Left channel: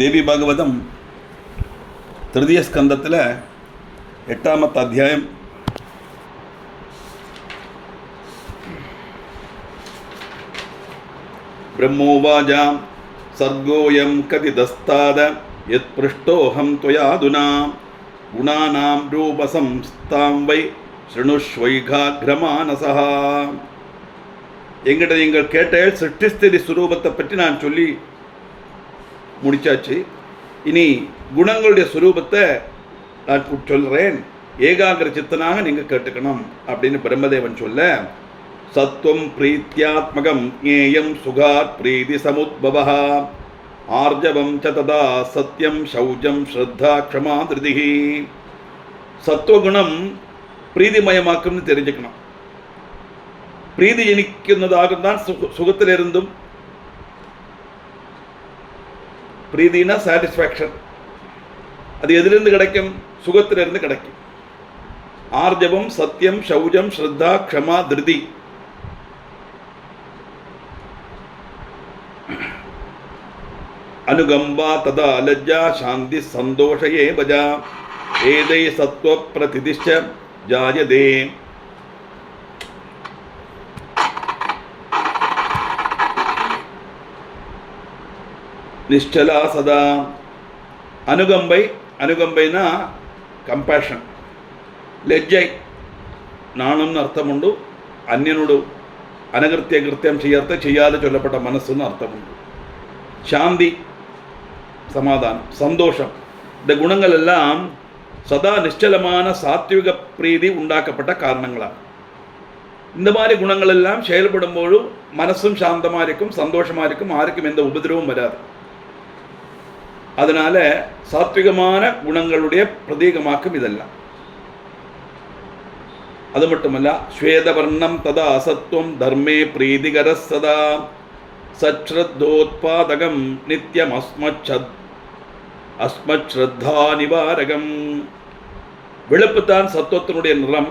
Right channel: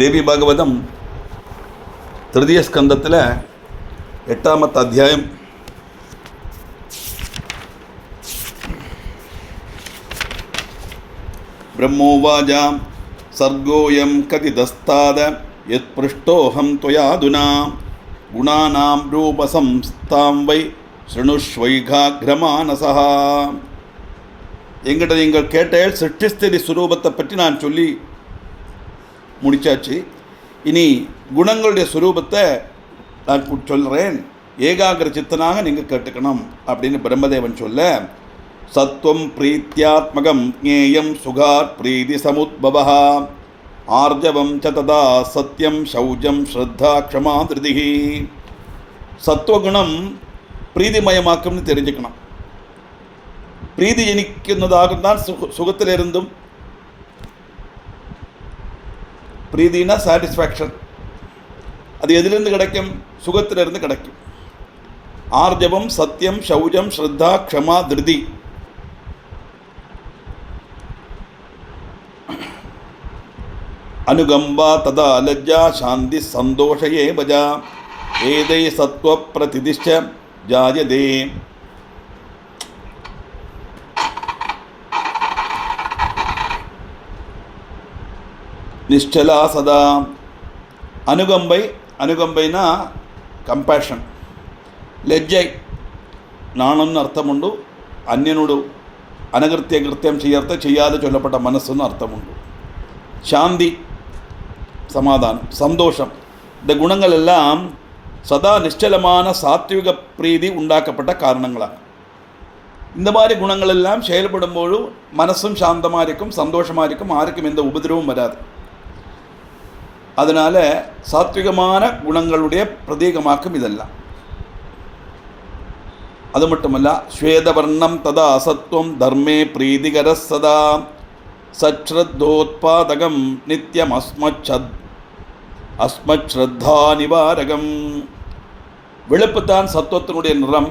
ദേവി ഭാഗവതം തൃതീയ സ്കന്ധത്തിലെ 8ാമത്തെ അധ്യായം ബ്രഹ്മോവാച സർഗോയം കതിതസ്താദ യത് പൃഷ്ടോഹം ത്വയാധുനാ ഗുണാനാം രൂപസംസ്ഥാം വൈ ശൃണുഷ്വൈഘാഗ്രമാനസഃ. எங்கிட்ட நீங்கள் கேட்டேள் சிருஷ்டிஸ்திதி சுரூபத்தை பற்றி நான் சொல்லி முடிச்சாச்சு. இனி குணங்களுடைய சுரூபத்தை நான் சொல்கிறேன், ஏகாகிர சித்தனாக நீங்கள் கேட்டுக்கணும் அப்படின்னு பிரம்மதேவன் சொல்ல, சத்வம் பிரீத்தியாத்மகம் ஞேயம் சுகாத் பிரீதி சமுத்பவः ஆர்ஜவம் ச ததா சத்யம் சௌஜம் ஸ்ரத்தா க்ஷமா திருதிஹி. சத்வகுணம் பிரீதிமயமாக்கும்னு தெரிஞ்சுக்கணும். பிரீதி ஜனிക്കുന്നதாகும் தான் சுகத்திலிருந்தும். பிரீதினா சாட்டிஸ்ஃபேக்ஷன், அது எதிலிருந்து கிடைக்கும்? சுகத்திலிருந்து கிடைக்கும். ஆர்ஜவம் சத்தியம் சௌஜம் ஸ்ரத்தா க்ஷமா திருதி. அனுகம்பா ததா லஜ்ஜா சாந்தி சந்தோஷயே பஜா ஏதை சத்வ பிரதிதிஷ்ட ஜாயதே. நிஷ்டலா சதா. അനുകമ്പൈന കമ്പാഷൻ. ലജ്ജൈ നാണെന്ന് അർത്ഥമുണ്ട്. അന്യനോട് അനകൃത്യം ചെയ്യാതെ ചൊല്ലപ്പെട്ട മനസ്സെന്ന് അർത്ഥമുണ്ട്. ശാന്തി സമാധാനം, സന്തോഷം. இந்த குணங்களெல்லாம் சதா நிச்சலமான சாத்விக பிரீதி உண்டாக்கப்பட்ட காரணங்களாக. இந்த மாதிரி குணங்களெல்லாம் செயல்படும்போது மனசும் சாந்தமாக இருக்கும், சந்தோஷமாக இருக்கும், யாருக்கும் எந்த உபதிரவும் வராது. அதனால் சாத்விகமான குணங்களுடைய பிரதீகமாக்கும் இதெல்லாம். அது மட்டுமல்ல, ஸ்வேதவர்ணம் ததா அசத்வம் தர்மே பிரீதிகர சதா சச்ரத்தோத்பாதகம் நித்யம் அஸ்மத் ஸ்ரத்தா நிவாரகம். வெளுப்புத்தான் சத்துவத்தினுடைய நிறம்.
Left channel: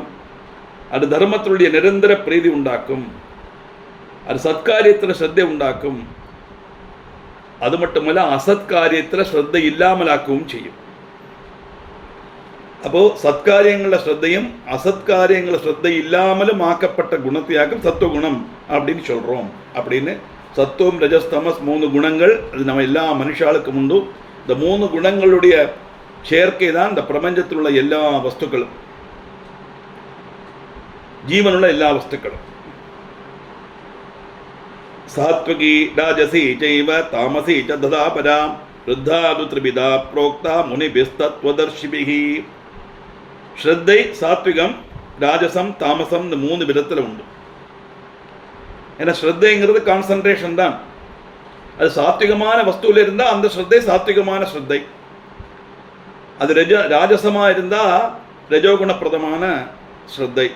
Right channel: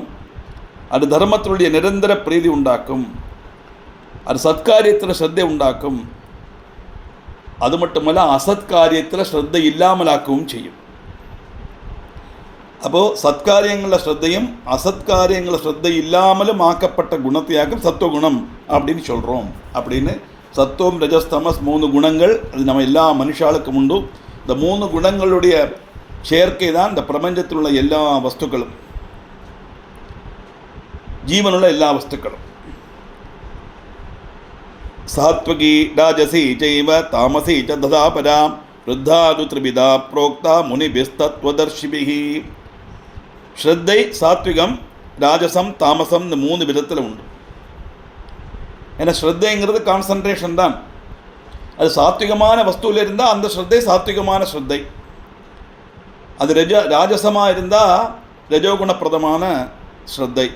அது தர்மத்தினுடைய நிரந்தர பிரீதி உண்டாக்கும். அது சத்காரியத்தில் ஸ்ரத்தை உண்டாக்கும். அது மட்டுமல்ல, அசத்காரியத்தில் ஸ்ரத்தை இல்லாமலாக்கவும் செய்யும். அப்போது சத்காரியங்களில் ஸ்ரத்தையும் அசத்காரியங்களில் ஸ்ரத்தை இல்லாமலும் ஆக்கப்பட்ட குணத்தையாக்கும் சத்துவகுணம் அப்படின்னு சொல்கிறோம். அப்படின்னு சத்துவம் ரஜஸ் தமஸ் 3 குணங்கள், அது நம்ம எல்லா மனுஷாளுக்கும் உண்டு. இந்த 3 குணங்களுடைய சேர்க்கை தான் இந்த பிரபஞ்சத்தில் உள்ள எல்லா வஸ்துக்களும், ஜீவனுள்ள எல்லா வஸ்துக்களும். சாத்வகி ராஜசி சைவ தாமசி ச ததா பரா ருத்தாது த்ரிபிதா புரோக்தா முனிபிஸ்தத்வதர்ஷிபிஹி. ஸ்ரத்தை, சாத்விகம், ராஜசம், தாமசம், இந்த 3 விதத்தில் உண்டு. ஏன்னா ஸ்ரத்தைங்கிறது கான்சன்ட்ரேஷன் தான். அது சாத்விகமான வஸ்துவில் இருந்தால் அந்த ஸ்ரத்தை சாத்விகமான ஸ்ரத்தை. அது ராஜசமாக இருந்தால் ரஜோகுணப்பிரதமான ஸ்ரத்தை.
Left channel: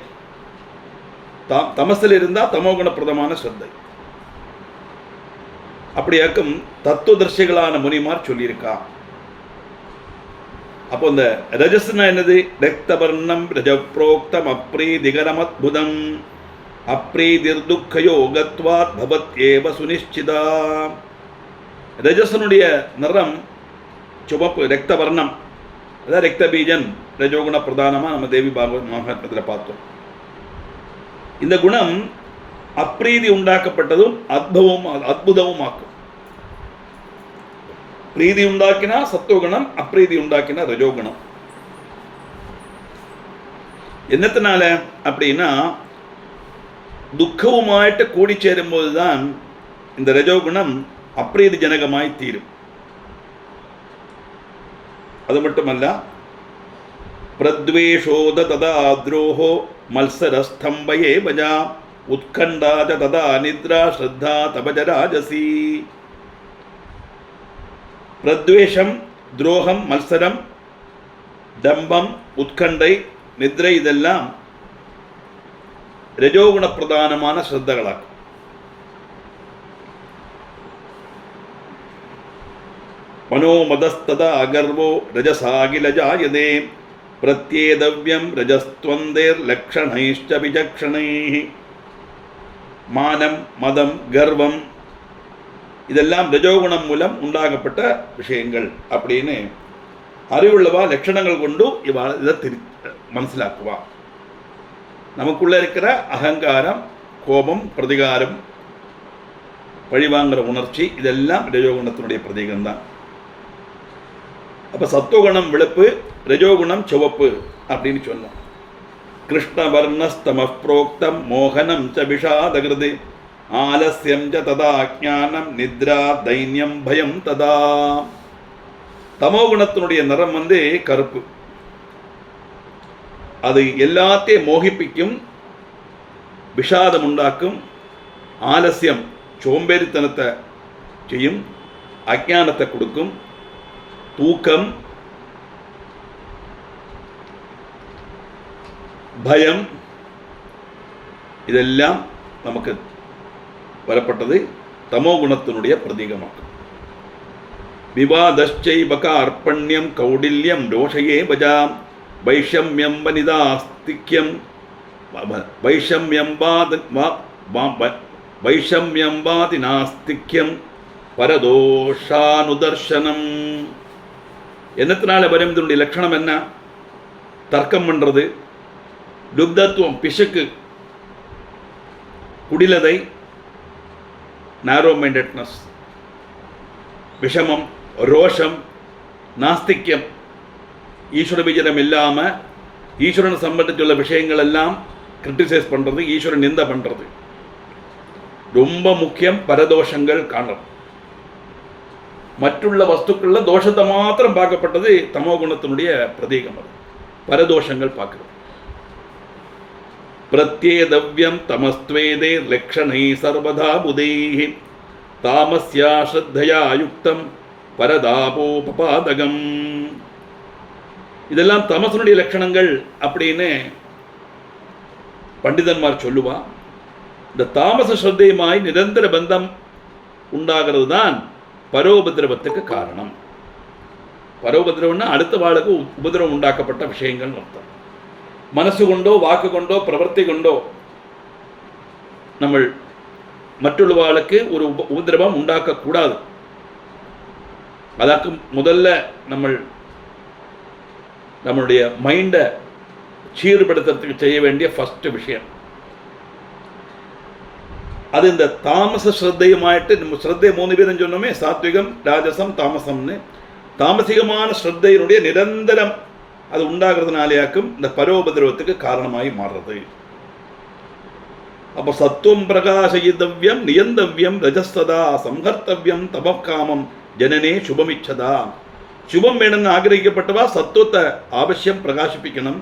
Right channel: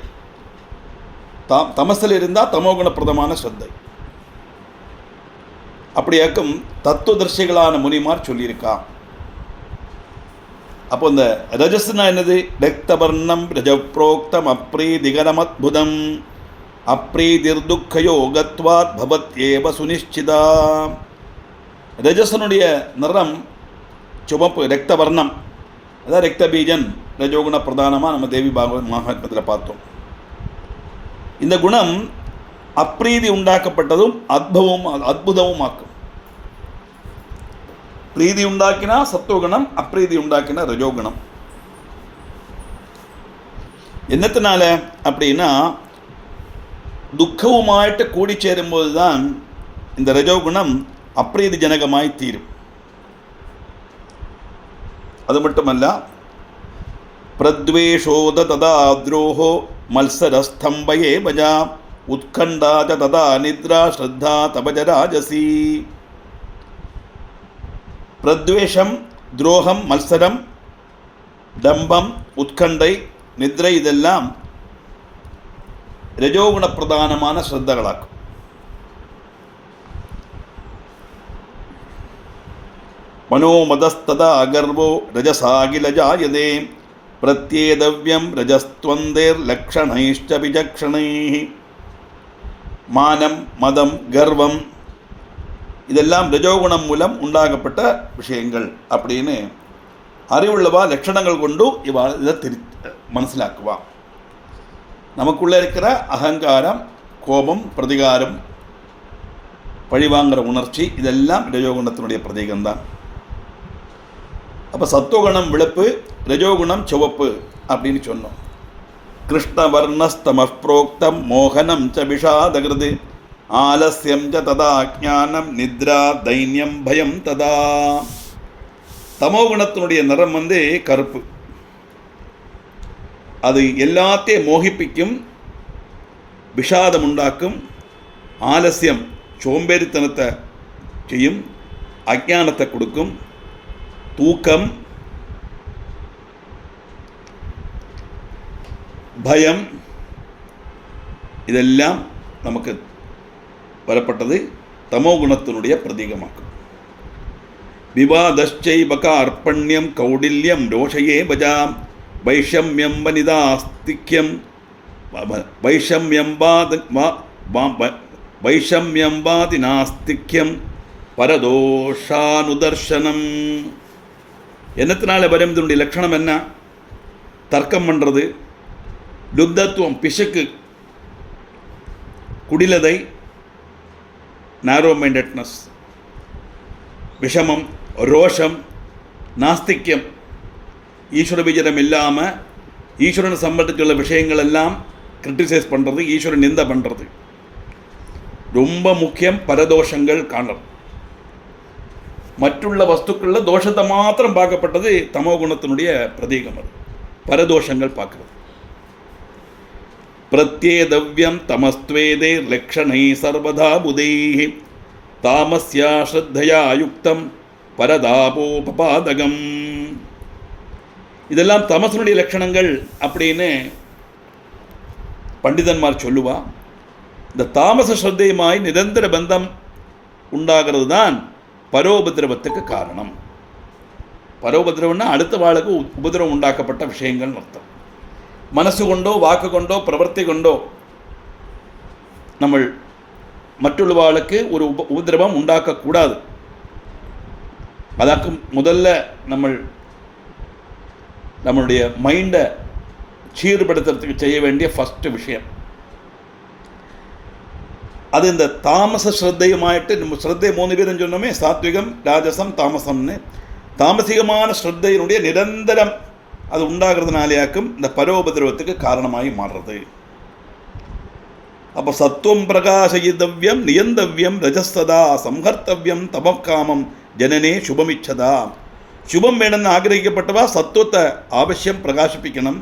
தமசில் இருந்தால் தமோகுணப்பிரதமான ஸ்ரத்தை. அப்படியாக்கும் தத்துவதர்ஷிகளான முனிமார் சொல்லியிருக்கா. அப்போ இந்த ரஜஸ்னா என்னது? ரக்தவர்ணம் ரஜப்ரோக்தம் அப்ரீதிகரமத்புதம் அப்ரீதிர்துக்கயோகத்வாத் பவத்யேவ சுனிஷ்சிதா. ரஜசனுடைய நிறம் சிவப்பு, ரக்தவர்ணம். அதான் ரக்தபீஜன், ரஜோகுண பிரதானமாக நம்ம தேவி பாகவத் மகாத்மத்தில் பார்த்தோம். இந்த குணம் அப்ரீதி உண்டாக்கப்பட்டதும் அத்புதமும் ஆக்கும். பிரீதி உண்டாக்கினா சத்துவகுணம், அப்ரீதி உண்டாக்கினா ரஜோகுணம். என்னத்தினால அப்படின்னா, துக்கவுமாயிட்டு கூடி சேரும்போது தான் இந்த ரஜோகுணம் அப்ரீதி ஜனகமாய் தீரும். அது மட்டுமல்ல, பிரத்வேஷோத ததா துரோஹோ மல்சரஸ்தம்பயே பஜா உத்கண்டாஜ ததா நித்ரா ஸ்ரத்தா தபஜ ராஜசி. பிரத்வேஷம், துரோகம், மத்சரம், டம்பம், உத்கண்டை, நித்ரை இதெல்லாம் ரஜோகுண பிரதானமான ஸ்ரத்தகளாகும். மனோமதஸ்ததா அகர்வோ ரஜசாகிலஜாயதே பிரத்யேதவ்யம் ரஜஸ்த்வந்தேர் லக்ஷணைஷ்ச விசக்ஷணைஹி. மானம், மதம், கர்வம், இதெல்லாம் ரஜோகுணம் மூலம் உண்டாகப்பட்ட விஷயங்கள் அப்படின்னு அறிவுள்ளவா லட்சணங்கள் கொண்டு இதை மனசிலாக்குவா. நமக்குள்ள இருக்கிற அகங்காரம், கோபம், பிரதிகாரம், பழிவாங்கிற உணர்ச்சி இதெல்லாம் ரஜோகுணத்தினுடைய பிரதீகம்தான். அப்போ சத்துவகுணம் வெளுப்பு, ரஜோகுணம் சிவப்பு அப்படின்னு சொன்னோம். கிருஷ்ணவர்ணஸ்தம புரோக்தம் மோகனம் ச விஷாதகிருதி ஆலஸ்யம் ச ததா ஞானம் நித்ரா தைன்யம் பயம் ததா. தமோகுணத்தினுடைய நிறம் கருப்பு. அது எல்லாத்தையும் மோகிப்பிக்கும், விஷாதம் உண்டாக்கும், ஆலசியம் சோம்பேறித்தனத்தை செய்யும், அஜானத்தை கொடுக்கும், தூக்கம், பயம் இதெல்லாம் நமக்கு வரப்பட்டது தமோகுணத்தினுடைய பிரதீகமாக்கும். விவாதச்சைபக அர்ப்பண்யம் கௌடில்யம் ரோஷயே பஜாம் வைஷம்யம் வனிதாஸ்திக்யம் வைஷம்யம்பாதி நாஸ்திக்யம் பரதோஷானுதர்சனம். என்னத்தினால வரும்? இதனுடைய லட்சணம் என்ன? தர்க்கம் பண்ணுறது, லுப்தத்துவம், பிசுக்கு, குடிலதை, நேரோ மைண்டட்னஸ், விஷமம், ரோஷம், நாஸ்திக்யம், ஈஸ்வர விஜயம் இல்லாமல் ஈஸ்வரனை சம்பந்தத்துள்ள விஷயங்கள் எல்லாம் கிரிட்டிசைஸ் பண்ணுறது, ஈஸ்வரன் நிந்த பண்ணுறது. ரொம்ப முக்கியம். பரதோஷங்கள் காணணும். மற்றுள்ள வஸ்துக்குள்ள தோஷத்தை மாத்திரம் பார்க்கப்பட்டது தமோகுணத்தினுடைய பிரதீகம். அது பரதோஷங்கள் பார்க்கிறது. பிரத்யேதவ்யம் தமஸ்த்வேதே லக்ஷணை சர்வதா புதைஹி தாமஸ்யா ஸ்ரத்தயா யுக்தம் பரதாபோபபாதகம். இதெல்லாம் தமசனுடைய லட்சணங்கள் அப்படின்னு பண்டிதன்மார் சொல்லுவா. இந்த தாமச ஸ்ரத்தையுமாய் நிரந்தர பந்தம் உண்டாகிறது தான் பரோபதிரவத்துக்கு காரணம். பரோபதிரவம்னா அடுத்த வாளுக்கு உபதிரவம் உண்டாக்கப்பட்ட விஷயங்கள் அர்த்தம். மனசு கொண்டோ வாக்கு கொண்டோ பிரவர்த்தி கொண்டோ நம்ம மற்றொரு வாளுக்கு ஒரு உபதிரவம் உண்டாக்கக்கூடாது. அதற்கு முதல்ல நம்மளுடைய மைண்டை சீர்படுத்துறதுக்கு செய்ய வேண்டிய ஃபஸ்ட்டு விஷயம் அது. இந்த தாமச ஸ்ரத்தையுமாயிட்டு நம்ம ஸ்ரத்தை 3 பேரும் சொன்னோமே, சாத்விகம், ராஜசம், தாமசம்னு. தாமசிகமான ஸ்ரத்தையினுடைய நிரந்தரம் அது உண்டாகிறதுனாலேயாக்கும் இந்த பரோபதிரவத்துக்கு காரணமாகி மாறுறது. அப்போ சத்துவம் பிரகாசயித்தவ்யம் நியந்தவ்யம் ரஜஸ்ததா சம்ஹர்த்தவ்யம் தமக்காமம் ஜனனே சுபமிச்சதா. சுபம் வேணும்னு ஆகிரகிக்கப்பட்டவா சத்துவத்தை அவசியம் பிரகாசிப்பிக்கணும்,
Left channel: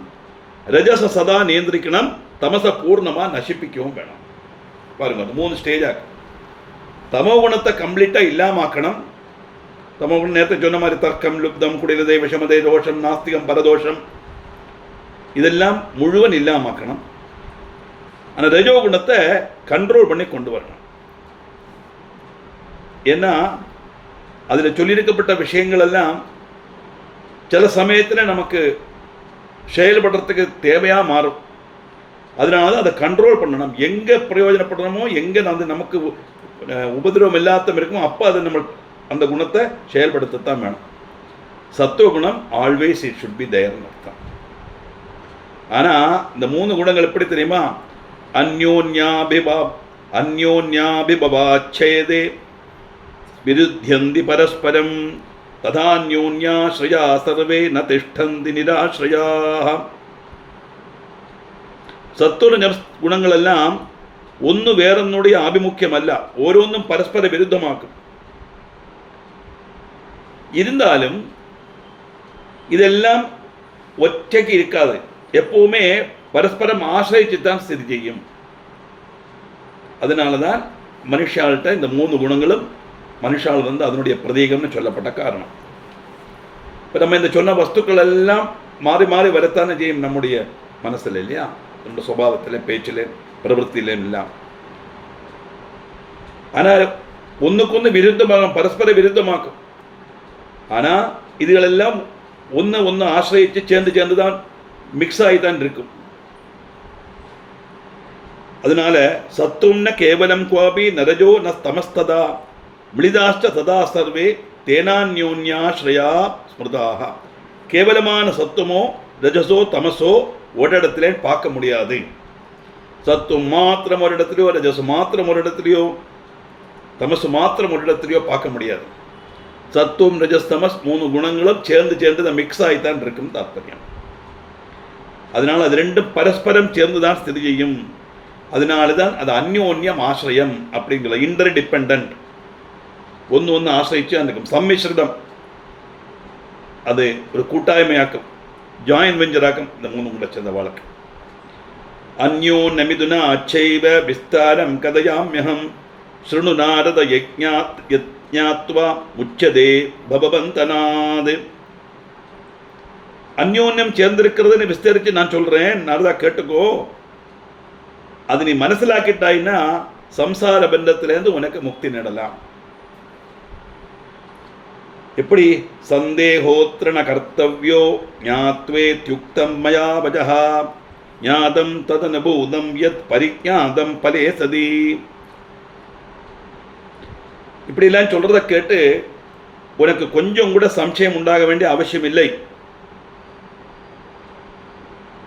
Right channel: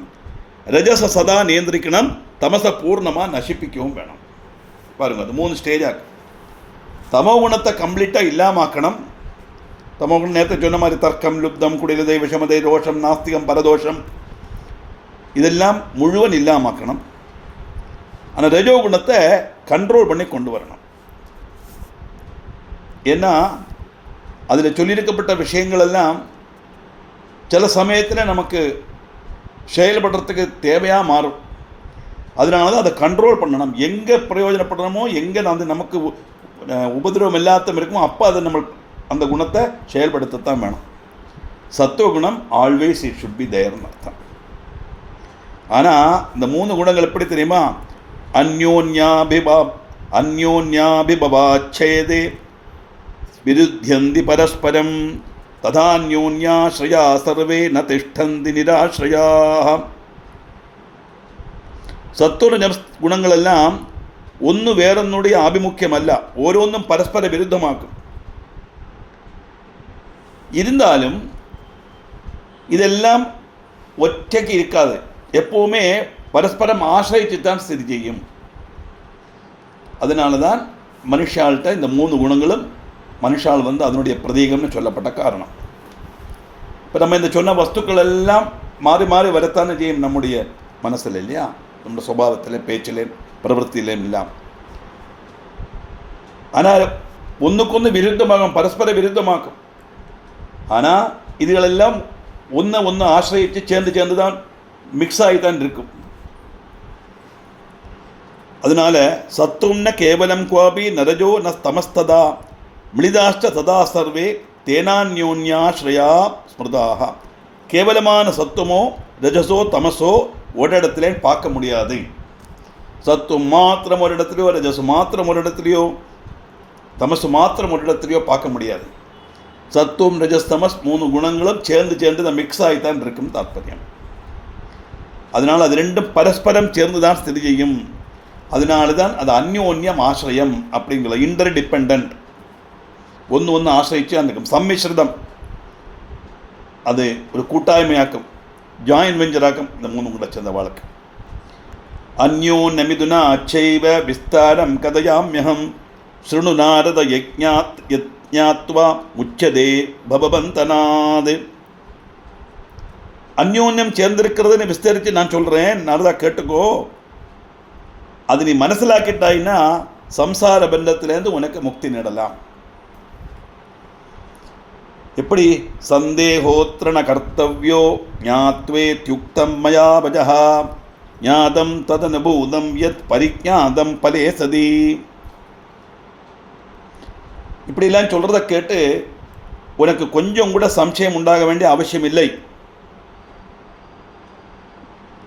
ரஜச சதா நியந்திரிக்கணும், தமச பூர்ணமாக நசிப்பிக்கவும் வேணும். பாருங்க, அது 3 ஸ்டேஜாக. தமோகுணத்தை கம்ப்ளீட்டாக இல்லாமாக்கணும். தமோகுணம் நேரத்தை சொன்ன மாதிரி தர்க்கம், லுப்தம், குடிலதை, விஷமதை, ரோஷம், நாஸ்திகம், பரதோஷம் இதெல்லாம் முழுவன் இல்லாமாக்கணும். ஆனால் ரஜோகுணத்தை கண்ட்ரோல் பண்ணி கொண்டு வரணும். ஏன்னா அதில் சொல்லியிருக்கப்பட்ட விஷயங்கள் எல்லாம் சில சமயத்தில் நமக்கு செயல்படுறதுக்கு தேவையாக மாறும். அதனால தான் அதை கண்ட்ரோல் பண்ணணும். எங்கே பிரயோஜனப்படணுமோ, எங்கே நமக்கு உபதிரவம் இல்லாத இருக்குமோ அப்போ அதை நம்ம அந்த குணத்தை செயல்படுத்தத்தான் வேணும். சத்துவகுணம் ஆல்வேஸ் இட் ஷுட் பி தேர்னு அர்த்தம். ஆனால் இந்த 3 குணங்கள் எப்படி தெரியுமா? அந்யோன்யாபிபவாச்சேதே விருத்தியந்தி பரஸ்பரம் ததான்யோன்யாஸ்ரயா சர்வே ந திஷ்டந்தி நிராஸ்ரயா. സത്വ ഗുണങ്ങളെല്ലാം ഒന്ന് വേറൊന്നുடைய ആഭിമുഖ്യമല്ല, ഓരോന്നും പരസ്പര വിരുദ്ധമാക്കും. ഇരുന്നാലും ഇതെല്ലാം ഒറ്റയ്ക്ക് ഇരിക്കാതെ எப்போவுமே பரஸ்பரம் ஆசிரியச்சுத்தான் ஸ்திதி செய்யும். அதனால தான் மனுஷால்கிட்ட இந்த 3 குணங்களும் மனுஷால் அதனுடைய பிரதீகம்னு சொல்லப்பட்ட காரணம். இப்போ நம்ம இந்த சொன்ன வஸ்துக்கள் எல்லாம் மாறி மாறி வரத்தானே செய்யும் நம்முடைய மனசில், இல்லையா? നമ്മുടെ സ്വഭാവത്തിലെ പേച്ചിലെ പ്രവൃത്തിയിലെ എല്ലാം. ஆனால் ஒன்றுக்கொன்று விருத்தமாகும், பரஸ்பர விருத்தமாக்கும். ஆனால் இதுகளெல்லாம் ஒன்று ஆசிரியச்சு சேர்ந்து தான் மிக்ஸ் ஆகி தான் இருக்கும். அதனால சத்துவம்ன கேவலம் குவாபி நரஜோ ந தமஸ்ததா மிளிதாஷ்ட சதா சர்வே தேனான்யோன்யாஸ்ரயா ஸ்மிருதாக. கேவலமான சத்துவமோ ரஜசோ தமசோ ஒரு இடத்துல பார்க்க முடியாது. சத்துவம் மாத்திரம் ஒரு இடத்துலையோ, ரஜசு மாத்திரம் ஒரு இடத்துலையோ, தமசு மாத்திரம் ஒரு இடத்துலையோ பார்க்க முடியாது. சத்துவம் ரஜஸ் தமஸ் 3 குணங்களும் சேர்ந்து மிக்ஸ் ஆகித்தான் இருக்குன்னு தாற்பயம். அதனால் அது ரெண்டும் பரஸ்பரம் சேர்ந்து தான் ஸ்திதி செய்யும். அதனால தான் அது அந்யோன்யம் ஆசிரியம் அப்படிங்கிற இன்டர் டிபெண்ட், ஒன்று ஆசிரிச்சு அந்த சம்மிஸ்ரிதம், அது ஒரு கூட்டாய்மையாக்கும், ஜாயின் வெஞ்சராக்கும். இந்த 3 கூட சேர்ந்த வாழ்க்கை. அந்யோன்யமிதுனா அச்சைவ விஸ்தாரம் கதையாம்யகம் ஸ்ருணு நாரத யஜ்ஞாத்வா முச்சதே பவபந்தனாது. அந்யோன்யம் சேர்ந்திருக்கிறதுன்னு விஸ்தரித்து நான் சொல்கிறேன், நாரதா கேட்டுக்கோ. அது நீ மனசிலாக்கிட்டாயின்னா சம்சார பந்தத்திலேருந்து உனக்கு முக்தி நேடலாம். எப்படி? சந்தேகோத்ரண கர்த்தவ்யோ ஞாத்வேத்யுக்தம் மயா வஜஹா ஞாதம் ததனுபூதம் யத் பரிஜ்ஞாதம் பலே சதி. இப்படிலாம் சொல்கிறத கேட்டு உனக்கு கொஞ்சம் கூட சம்சயம் உண்டாக வேண்டிய அவசியம் இல்லை.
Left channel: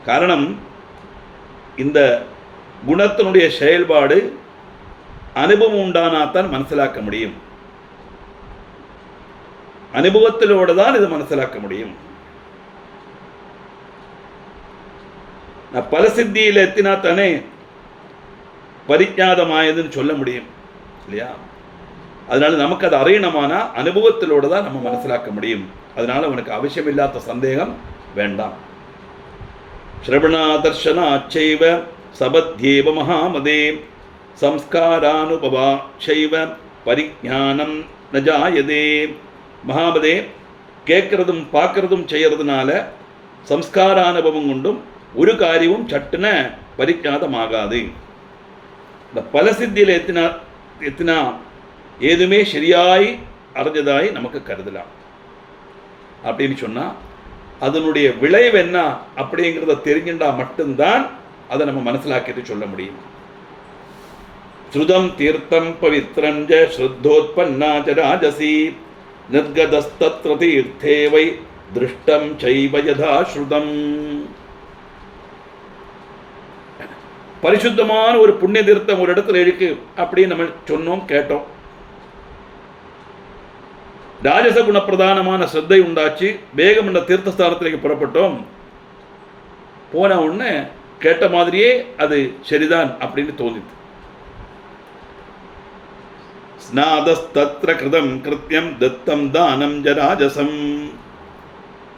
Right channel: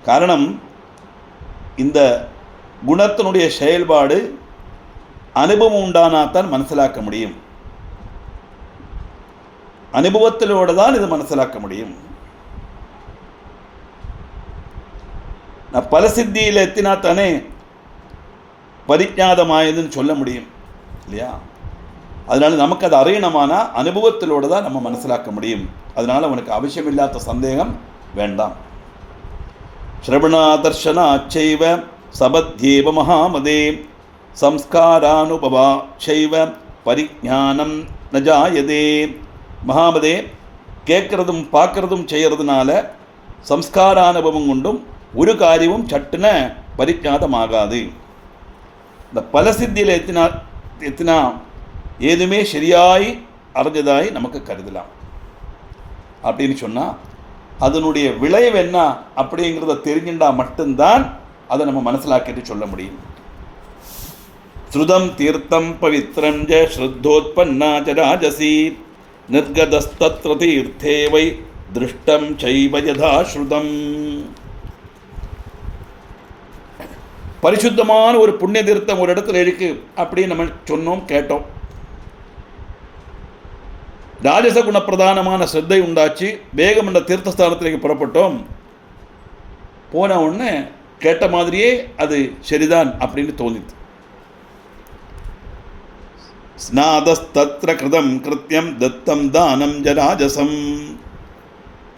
காரணம், இந்த குணத்தினுடைய செயல்பாடு அனுபவம் உண்டானாத்தான் மனசிலாக்க முடியும். அனுபவத்திலோடு தான் இது மனசிலாக்க முடியும். நான் பல சித்தியில் எத்தினா தானே பரிஜாதமாயதுன்னு சொல்ல முடியும் இல்லையா? அதனால நமக்கு அது அறியணமானா அனுபவத்திலோடு தான் நம்ம மனசிலாக்க முடியும். அதனால உனக்கு அவசியமில்லாத சந்தேகம் வேண்டாம். ஸ்ரவணாதர்ஷன அச்சைவ சபத்யேவ மகாமதே சம்ஸ்காரானுபவா சைவ பரிஜானம் நஜாயதே. மகாமதே, கேட்கறதும் பார்க்கறதும் செய்யறதுனால சம்ஸ்காரானுபவம் கொண்டும் ஒரு காரியமும் சட்டுன பரிஜாதமாகாது. இந்த பல சித்தியில் எத்தினா ஏதுமே சரியாய் அறிஞ்சதாய் நமக்கு கருதலாம். அப்படின்னு சொன்னால் அதனுடைய விளைவு என்ன அப்படிங்கிறத தெரிஞ்சுட்டா மட்டும்தான் அதை நம்ம மனசிலாக்கிட்டு சொல்ல முடியும். ஸ்ருதம் தீர்த்தம் பவித்ரஞ்ச ஸ்ருத்தோத்பன்னா ச ராஜசி நிர்கதஸ்தத்ர தீர்த்தே வை திருஷ்டம் சைவ யதா ஸ்ருதம். பரிசுத்தமான ஒரு புண்ணிய தீர்த்தம் ஒரு இடத்துல இருக்கு அப்படின்னு நம்ம சொன்னோம், கேட்டோம். ராஜச குணப்பிரதானமான ஸ்ரத்தை உண்டாச்சு. வேகம் என்ற தீர்த்தஸ்தானத்திലേക്ക് புறப்பட்டோம். போன உடனே கேட்ட மாதிரியே அது சரிதான் அப்படின்னு தோணிது. ஸ்நாதஸ்தத்ர கிருதம் கிருத்யம் தத்தம் தானம் ஜராஜசம்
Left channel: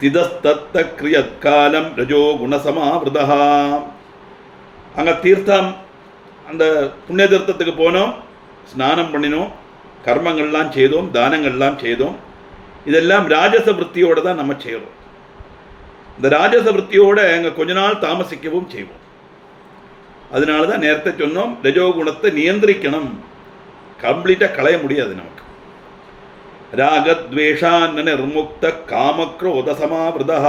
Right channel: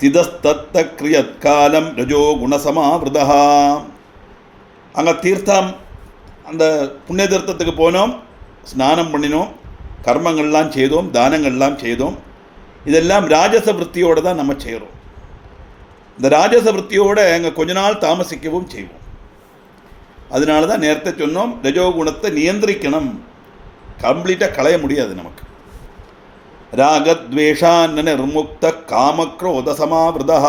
திதஸ்தத்த கிரியத் காலம் ரஜோ குணசமாவிருதா. அங்கே தீர்த்தம், அந்த புண்ணிய தீர்த்தத்துக்கு போனோம், ஸ்நானம் பண்ணினோம், கர்மங்கள்லாம் செய்தோம், தானங்கள்லாம் செய்தோம். இதெல்லாம் ராஜச விற்த்தியோடு தான் நம்ம செய்கிறோம். இந்த ராஜச விற்த்தியோடு அங்கே கொஞ்ச நாள் தாமசிக்கவும் செய்வோம். அதனால தான் நேரத்தை சொன்னோம், ரஜோகுணத்தை நியந்திரிக்கணும். கம்ப்ளீட்டாக களைய முடியாது நமக்கு. ராகத்வேஷான் நிர்முக்த காமக்ரோத சமாவிருதா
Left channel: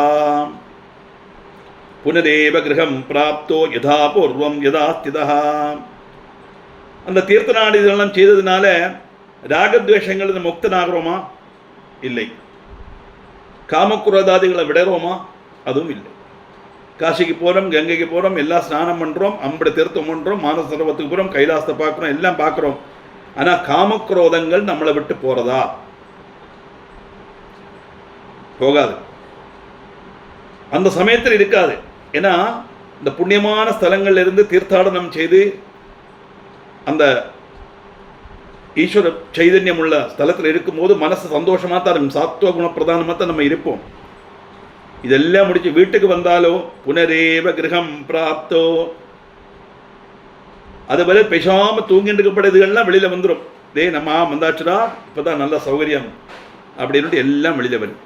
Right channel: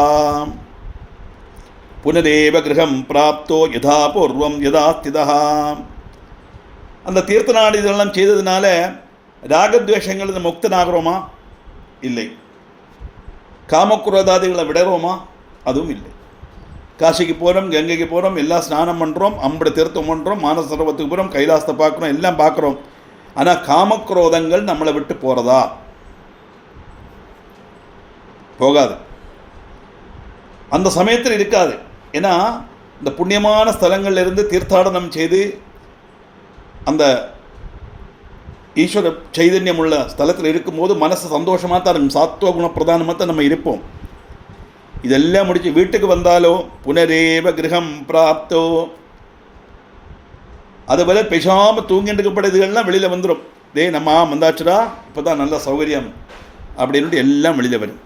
புனரேவ கிரகம் பிராப்தோ யதா பூர்வம் யதா ஸ்திதா. அந்த தீர்த்த நாடு இதெல்லாம் செய்ததுனால ராகத்வேஷங்கள் முக்தனாகிறோமா? இல்லை. காமக்ரோதாதிகளை விடுறோமா? அதுவும் இல்லை. காசிக்கு போகிறோம், கங்கைக்கு போகிறோம், எல்லாம் ஸ்நானம் பண்ணுறோம், அம்பட தீர்த்தம் பண்ணுறோம், மானச சரோவரத்துக்கு போகிறோம், கைலாசத்தை பார்க்குறோம், எல்லாம் பார்க்குறோம். ஆனால் காமக்ரோதங்கள் நம்மளை விட்டு போகிறதா? போகாது. அந்த சமயத்தில் இருக்காது. ஏன்னா இந்த புண்ணியமான ஸ்தலங்கள்லேருந்து தீர்த்தாடனம் செய்து அந்த ஈஸ்வர சைதன்யம் உள்ள ஸ்தலத்தில் இருக்கும்போது மனசு சந்தோஷமாக தான் இருக்கும். சாத்வ குண பிரதானமாக தான் நம்ம இருப்போம். இதெல்லாம் முடிச்சு வீட்டுக்கு வந்தாலோ புனரேவ கிரகம் பிராப்தோ, அதுபோல பேசாமல் தூங்கிட்டு இருக்கப்படுறதுகள்லாம் வெளியில் வந்துடும். நம்ம வந்தாச்சுடா, இப்போ தான் நல்ல சௌகரியம் அப்படின்ட்டு எல்லாம் வெளியில் வரும்.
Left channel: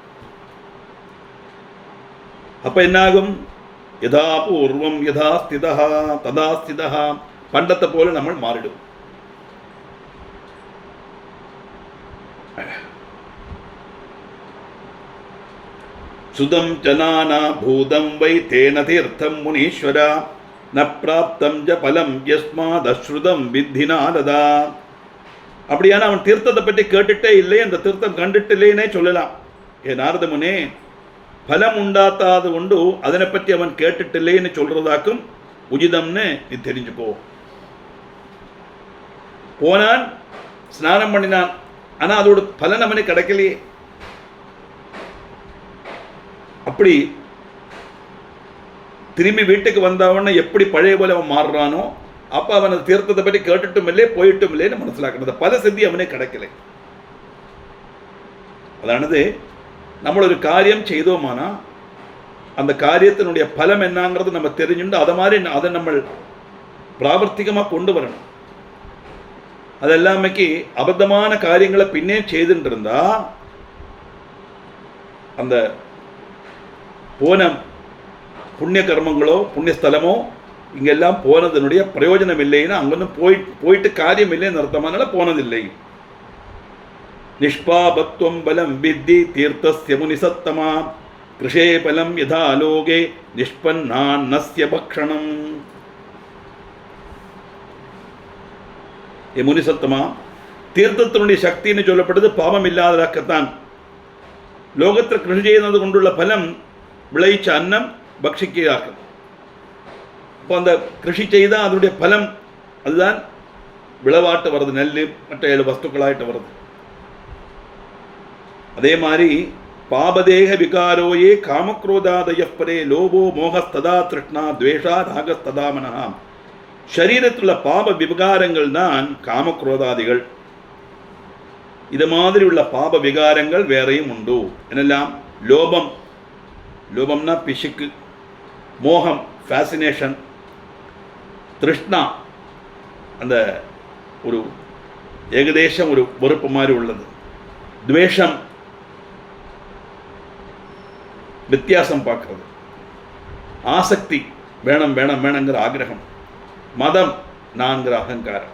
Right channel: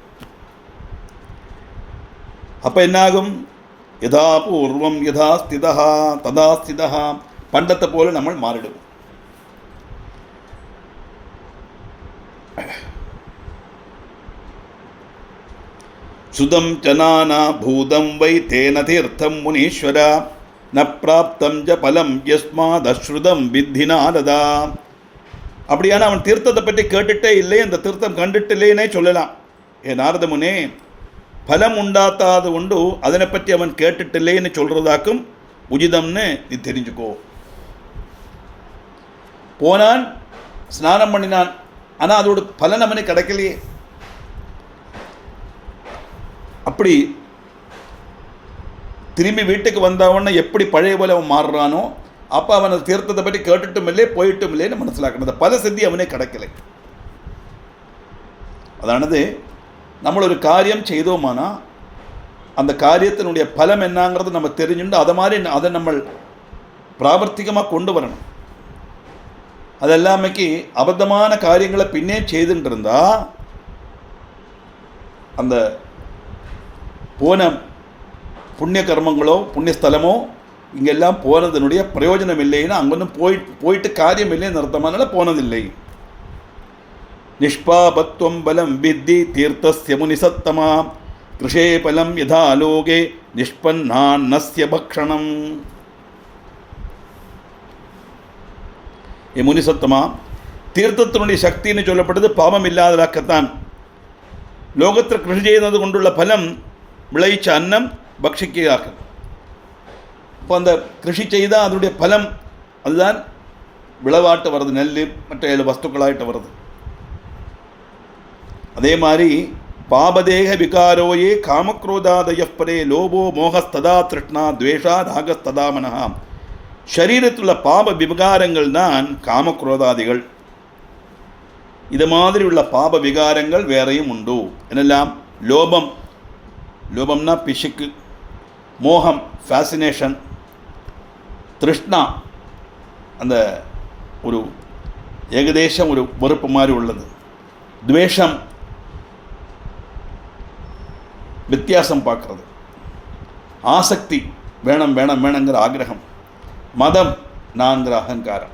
அப்போ என்னாகும்? யதா பூர்வம் யதா ஸ்திதா ததா ஸ்திதா, பண்டத்தை போல நம்ம மாறிடுவோம். சுதம் ஜனானா பூதம் வை தேன தீர்த்தம் முனீஸ்வரா ந பிராப்தம் ஜ பலம் யஸ்மாத் அஸ்ருதம் வித்தி நாரதா. அப்படியான அவன் தீர்த்தத்தை பற்றி கேட்டுட்டே இல்லை, அந்த தீர்த்தம் கண்டுட்டில்லைன்னே சொல்லலாம். நாரத முனே, ഫലം ഉണ്ടാത്താത് കൊണ്ട് അതിനെപ്പറ്റി അവൻ കേട്ടിട്ടില്ലേ എന്ന് ചൊല്ലുന്നതാക്കും ഉചിതംന്ന് നീ தெரிஞ்சுக்கோ. போனான், ஸ்நானம் பண்ணினான், ஆனால் அதோட பலன் அவனுக்கு கிடைக்கலையே. அப்படி திரும்பி வீட்டுக்கு வந்தவன எப்படி பழைய போல அவன் மாறுறானோ, அப்போ அவன் தீர்த்தத்தை பற்றி கேட்டுட்டும் இல்லை போயிட்டும் இல்லைன்னு മനസ്സിലാക്കുന്നത്. பல சித்தி அவனே கிடைக்கலை. அதானது നമ്മളൊരു കാര്യം ചെയ്തോമാനാ அந்த காரியத்தினுடைய பலம் என்னங்கிறது நம்ம தெரிஞ்சுண்டு அதை நம்ம പ്രാവർത്തികமாக கொண்டுவரணும். அதெல்லாமைக்கு அபத்தமான காரியங்களை பின்னே செய்துட்டு இருந்தா அந்த போன புண்ணிய கர்மங்களோ புண்ணிய ஸ்தலமோ இங்கெல்லாம் போனதனுடைய பிரயோஜனம் இல்லைன்னா அங்கொன்றும் போயிட்டு காரியம் இல்லைன்னு அர்த்தமானால போனதில்லை. நிஷ்பாபத்வம் பலம் வித்தி தீர்த்தஸ்ய முனிசத்தமா கிருஷே பலம் யதா லோகே நிஷ்பன்னான்னஸ்ய பக்ஷணம். முனிசத்தமா, தீர்த்தத்தினுடைய சக்தின்னு சொல்லப்பட்டது பாவம் இல்லாததாக்கத்தான். லோகத்தில் கிருஷி செய்தது கொண்டுள்ள பலம் விளைச்ச அன்னம் பக்ஷிக்காகும். இப்போ அந்த கிருஷி செய்தால் அதனுடைய பலம் அதுதான் விளவாட்டு வருது, நெல் மற்ற 7 வஸ்துக்களாயிட்டு வருது. அதே மாதிரி பாபதேக விகாரோயே காமக்ரோதாதய பரே லோபோ மோகஸ்ததா திருஷ்ணா துவேஷா ராகஸ்ததா மனஹா. சரீரத்தில் பாப விகாரங்கள் தான் காமக்ரோதாதிகள். இது மாதிரி உள்ள பாப விகாரங்கள் வேறையும் உண்டு. என்னெல்லாம்? லோபம், லோபம்னா பிசுக்கு, மோகம் ஃபேசினேஷன், திருஷ்ணா அந்த ஒரு ஏகதேசம் ஒரு வெறுப்பு மாதிரி உள்ளது, துவேஷம் வித்தியாசம் பார்க்கறது, ஆசக்தி வேணும் வேணும் வேணுங்கிற ஆகிரகம், மதம் நான்கிற அகங்காரம்.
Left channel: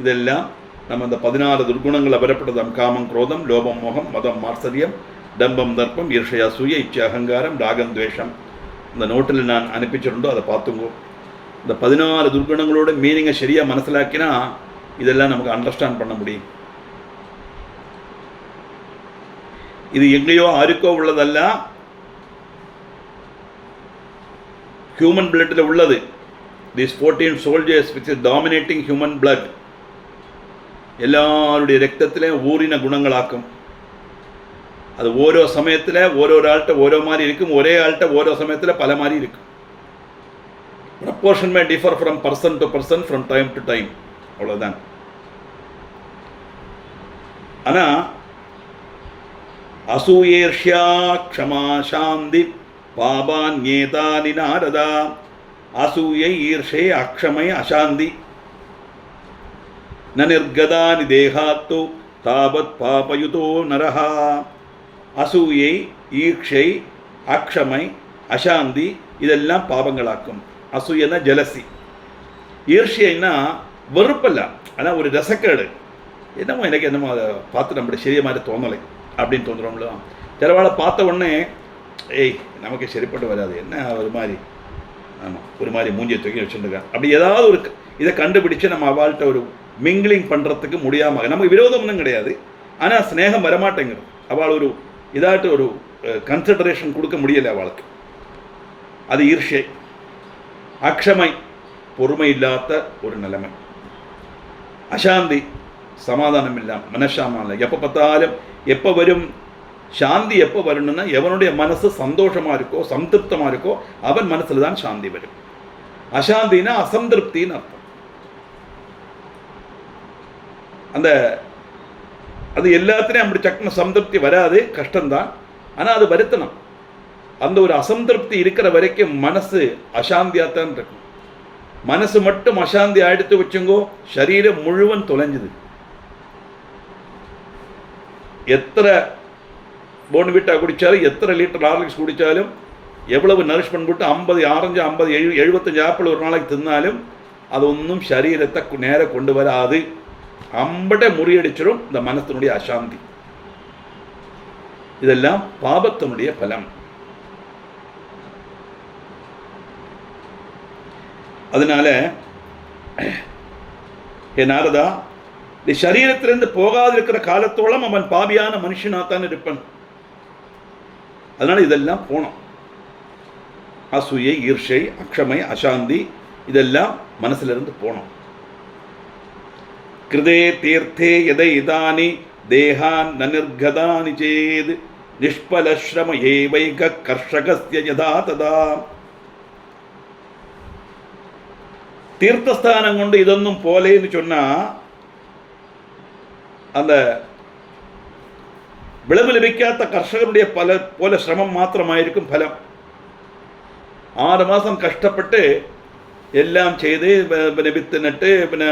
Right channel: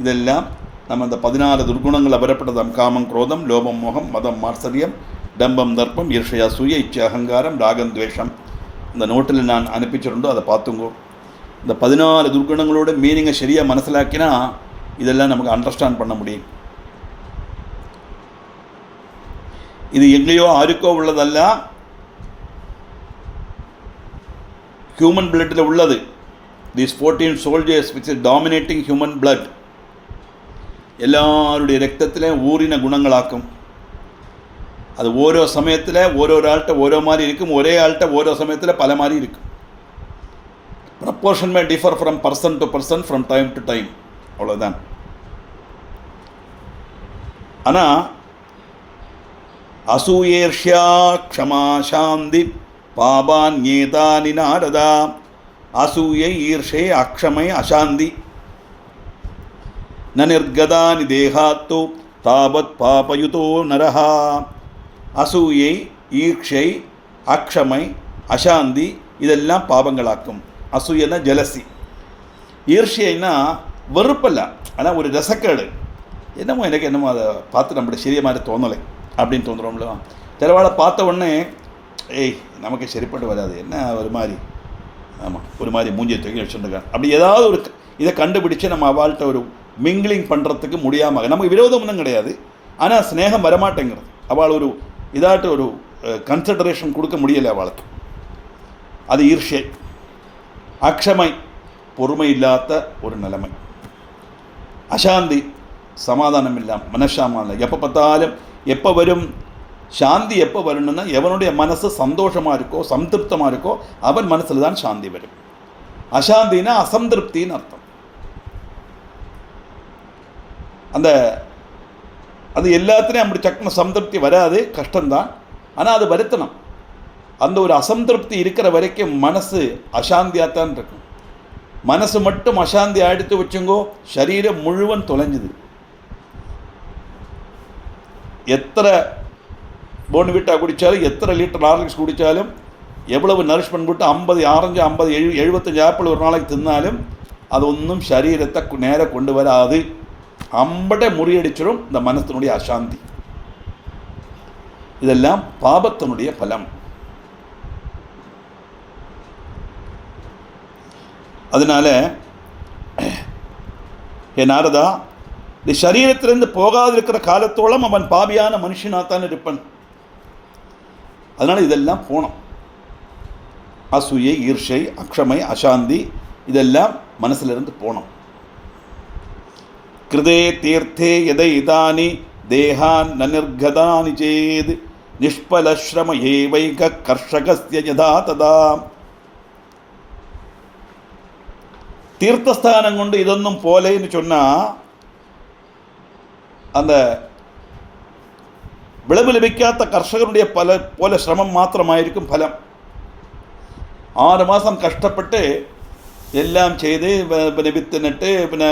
இதெல்லாம் நம்ம இந்த 14 துர்குணங்களை வரப்படுதாம். காமம் குரோதம் லோபம் மோகம் மதம் மாத்சரியம் டம்பம் தர்ப்பம் ஈர்ஷயா சூய இச்சை அகங்காரம் ராகம் துவேஷம். இந்த நோட்டில் நான் அனுப்பிச்சிருந்தோ அதை பார்த்துங்கோ. இந்த 14 துர்குணங்களோட மீனிங்கை சரியாக மனசிலாக்கினா இதெல்லாம் நமக்கு அண்டர்ஸ்டாண்ட் பண்ண முடியும். இது எங்கேயோ ஆருக்கோ உள்ளதல்ல, ஹியூமன் பிளட்டில் உள்ளது. These 14 soldiers which is dominating human blood எல்லாருடைய ரத்தத்திலே ஊறின குணங்களாக்கும். அது ஓரோ சமயத்தில் ஓரோ ஆள்கிட்ட ஓரோ மாதிரி இருக்கும், ஒரே ஆள்கிட்ட ஓரோ சமயத்தில் பல மாதிரி இருக்கும். Proportion May differ from person to person from time to time, அவ்வளோதான். ஆனால் அசூயேர்ஷ்யா க்ஷமா சாந்தி பாபான்யேதானி நாரதா. அசூயை ஈர்ஷே அக்ஷமை அசாந்தி ந நிர்கதானி தேகாத்து தாவத் பாபயுதோ நரஹா. அசூயை ஈர்ஷை அக்ஷமை அசாந்தி இதெல்லாம் பாபங்களாக்கும். அசூயனா ஜலசி, ஈர்ஷைன்னா வெறுப்பல்ல, ஆனால் ஒரு ரசக்கேடு. என்னமோ எனக்கு என்னமோ அதை பார்த்து நம்மளுடைய சரிய மாதிரி தோணலை அப்படின்னு தோன்றுறோம்ல. சிலவாளை பார்த்த உடனே நமக்கு சரிப்பட்டு வராது, என்ன ஒரு மாதிரி, ஆமாம் ஒரு மாதிரி மூஞ்சியை தூக்கி வச்சுருக்காங்க. அப்படி ஏதாவது ஒரு இதை கண்டுபிடிச்சு நம்ம அவள்கிட்ட ஒரு மிங்கிளிங் பண்ணுறதுக்கு முடியாமல், நமக்கு விரோதம் ஒன்றும் கிடையாது, ஆனால் ஸ்னேகம் வரமாட்டேங்கிறது. அவள் ஒரு இதாட்டு ஒரு கன்சிடரேஷன் கொடுக்க முடியலை அவளுக்கு. அது ஈர்ஷை. அக்ஷமை பொறுமை இல்லாத ஒரு நிலைமை. அசாந்தி சமாதானம் இல்லாமல் மனசாமம் இல்லை. எப்போ பார்த்தாலும் எப்போ வரும் சாந்தி, எப்போ வரணும்னா எவனுடைய மனசு சந்தோஷமாக இருக்கோ சந்திருப்தமாக இருக்கோ அவன் மனசில் தான் சாந்தி வரும். அசாந்தினா அசந்திருப்தின்னு அர்த்தம். அது எல்லாத்துலேயும் அப்படி சக்கன சந்திருப்தி வராது, கஷ்டம்தான். ஆனால் அது வருத்தணும். அந்த ஒரு அசந்திருப்தி இருக்கிற வரைக்கும் மனசு அசாந்தியாகத்தான் இருக்கும். மனசு மட்டும் அசாந்தி ஆயிடுத்து வச்சுங்கோ, சரீரம் முழுவன் தொலைஞ்சுது. எத்தனை போன்விட்டா குடித்தாலும், எத்தனை லிட்டர் ஹார்லிக்ஸ் குடித்தாலும், எவ்வளவு நரிஷ்மெண்ட் போட்டு 50 ஆரஞ்சு 50 75 ஆப்பிள் ஒரு நாளைக்கு தின்னாலும் அது ஒன்றும் சரீரத்தை நேராக கொண்டு வராது. அம்பட முறியடிச்சிடும் இந்த மனத்தினுடைய அசாந்தி. இதெல்லாம் பாபத்தினுடைய பலம். அதனால நாரதா இந்த சரீரத்திலிருந்து போகாதிருக்கிற காலத்தோളം அவன் பாவியான மனுஷனாத்தான் இருப்பான். அதனால் இதெல்லாம் போனோம். அசூயை, ஈர்ஷை, அக்ஷமை, அசாந்தி இதெல்லாம் மனசிலிருந்து போனோம். கிருதே தீர்த்தே எதை இதானி தேகான் நனிர்கதானி சேத் நிஷ்பலஸ்ரம ஏவைக கர்ஷகஸ்ய யதா ததா. தீர்த்தஸ்தானம் கொண்டு இதொன்னும் போலேன்னு சொன்னால் அந்த விளைவு லഭിക്കാത്ത கர்ஷகருடைய போல சிரமம் மாத்திரமாயிருக்கும் ഫലം. 6 மாதம் கஷ்டப்பட்டு எல்லாம் செய்து പിന്നെ വിത്ത് നട്ട് പിന്നെ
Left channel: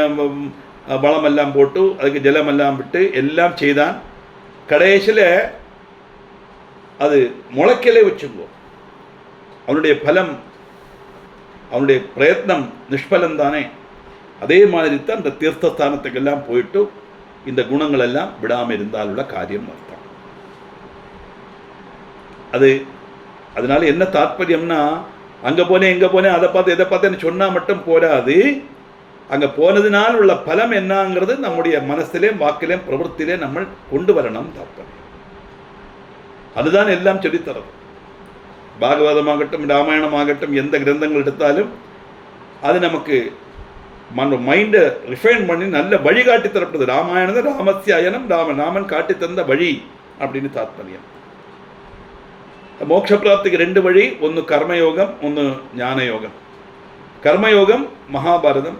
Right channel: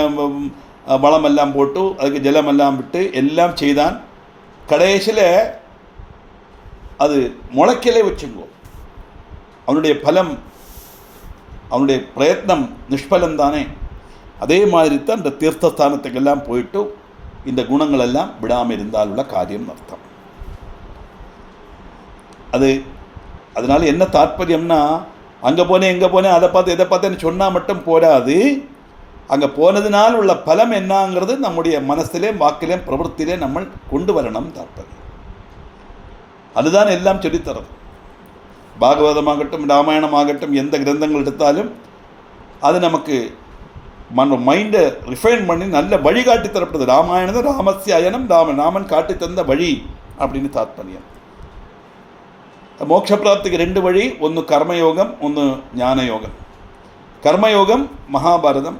വളമെല്ലാം പോട്ടു அதுக்கு ജലമെല്ലാം விட்டு எல்லாம் செய்தான். கடைசியில் அது முளைக்கலே வச்சுங்கோ. அவனுடைய பலம், அவனுடைய பிரயத்னம் நிஷ்பலம் தானே. அதே மாதிரி தான் இந்த தீர்த்தஸ்தானத்துக்கெல்லாம் போயிட்டு இந்த குணங்களெல்லாம் விடாமல் இருந்தாலுள்ள காரியம் அர்த்தம். அதனால என்ன தாற்பயம்னா, அங்கே போனேன் இங்கே போனேன் அதை பார்த்து இதை பார்த்தேன்னு சொன்னால் மட்டும் போராது. அங்கே போனதினால் உள்ள பலம் என்னங்கிறது நம்முடைய மனசிலேயும் வாக்கிலேயும் பிரவൃத்தியிலே நம்ம கொண்டு வரணும் தாற்பயம். அதுதான் எல்லாம் சொல்லித்தரது. பாகவதமாகட்டும் ராமாயணமாகட்டும் எந்த கிரந்தங்கள் எடுத்தாலும் அது நமக்கு மைண்டை ரிஃபைன் பண்ணி நல்ல வழி காட்டி தரப்படுது. ராமாயணம் ராமஸ்ய அயனம் ராமன் காட்டி தந்த வழி அப்படின்னு தாத்பரியம். மோட்ச பிராப்திக்கு 2 வழி, ஒன்று கர்மயோகம், ஒன்று ஞானயோகம். கர்மயோகம் மகாபாரதம்,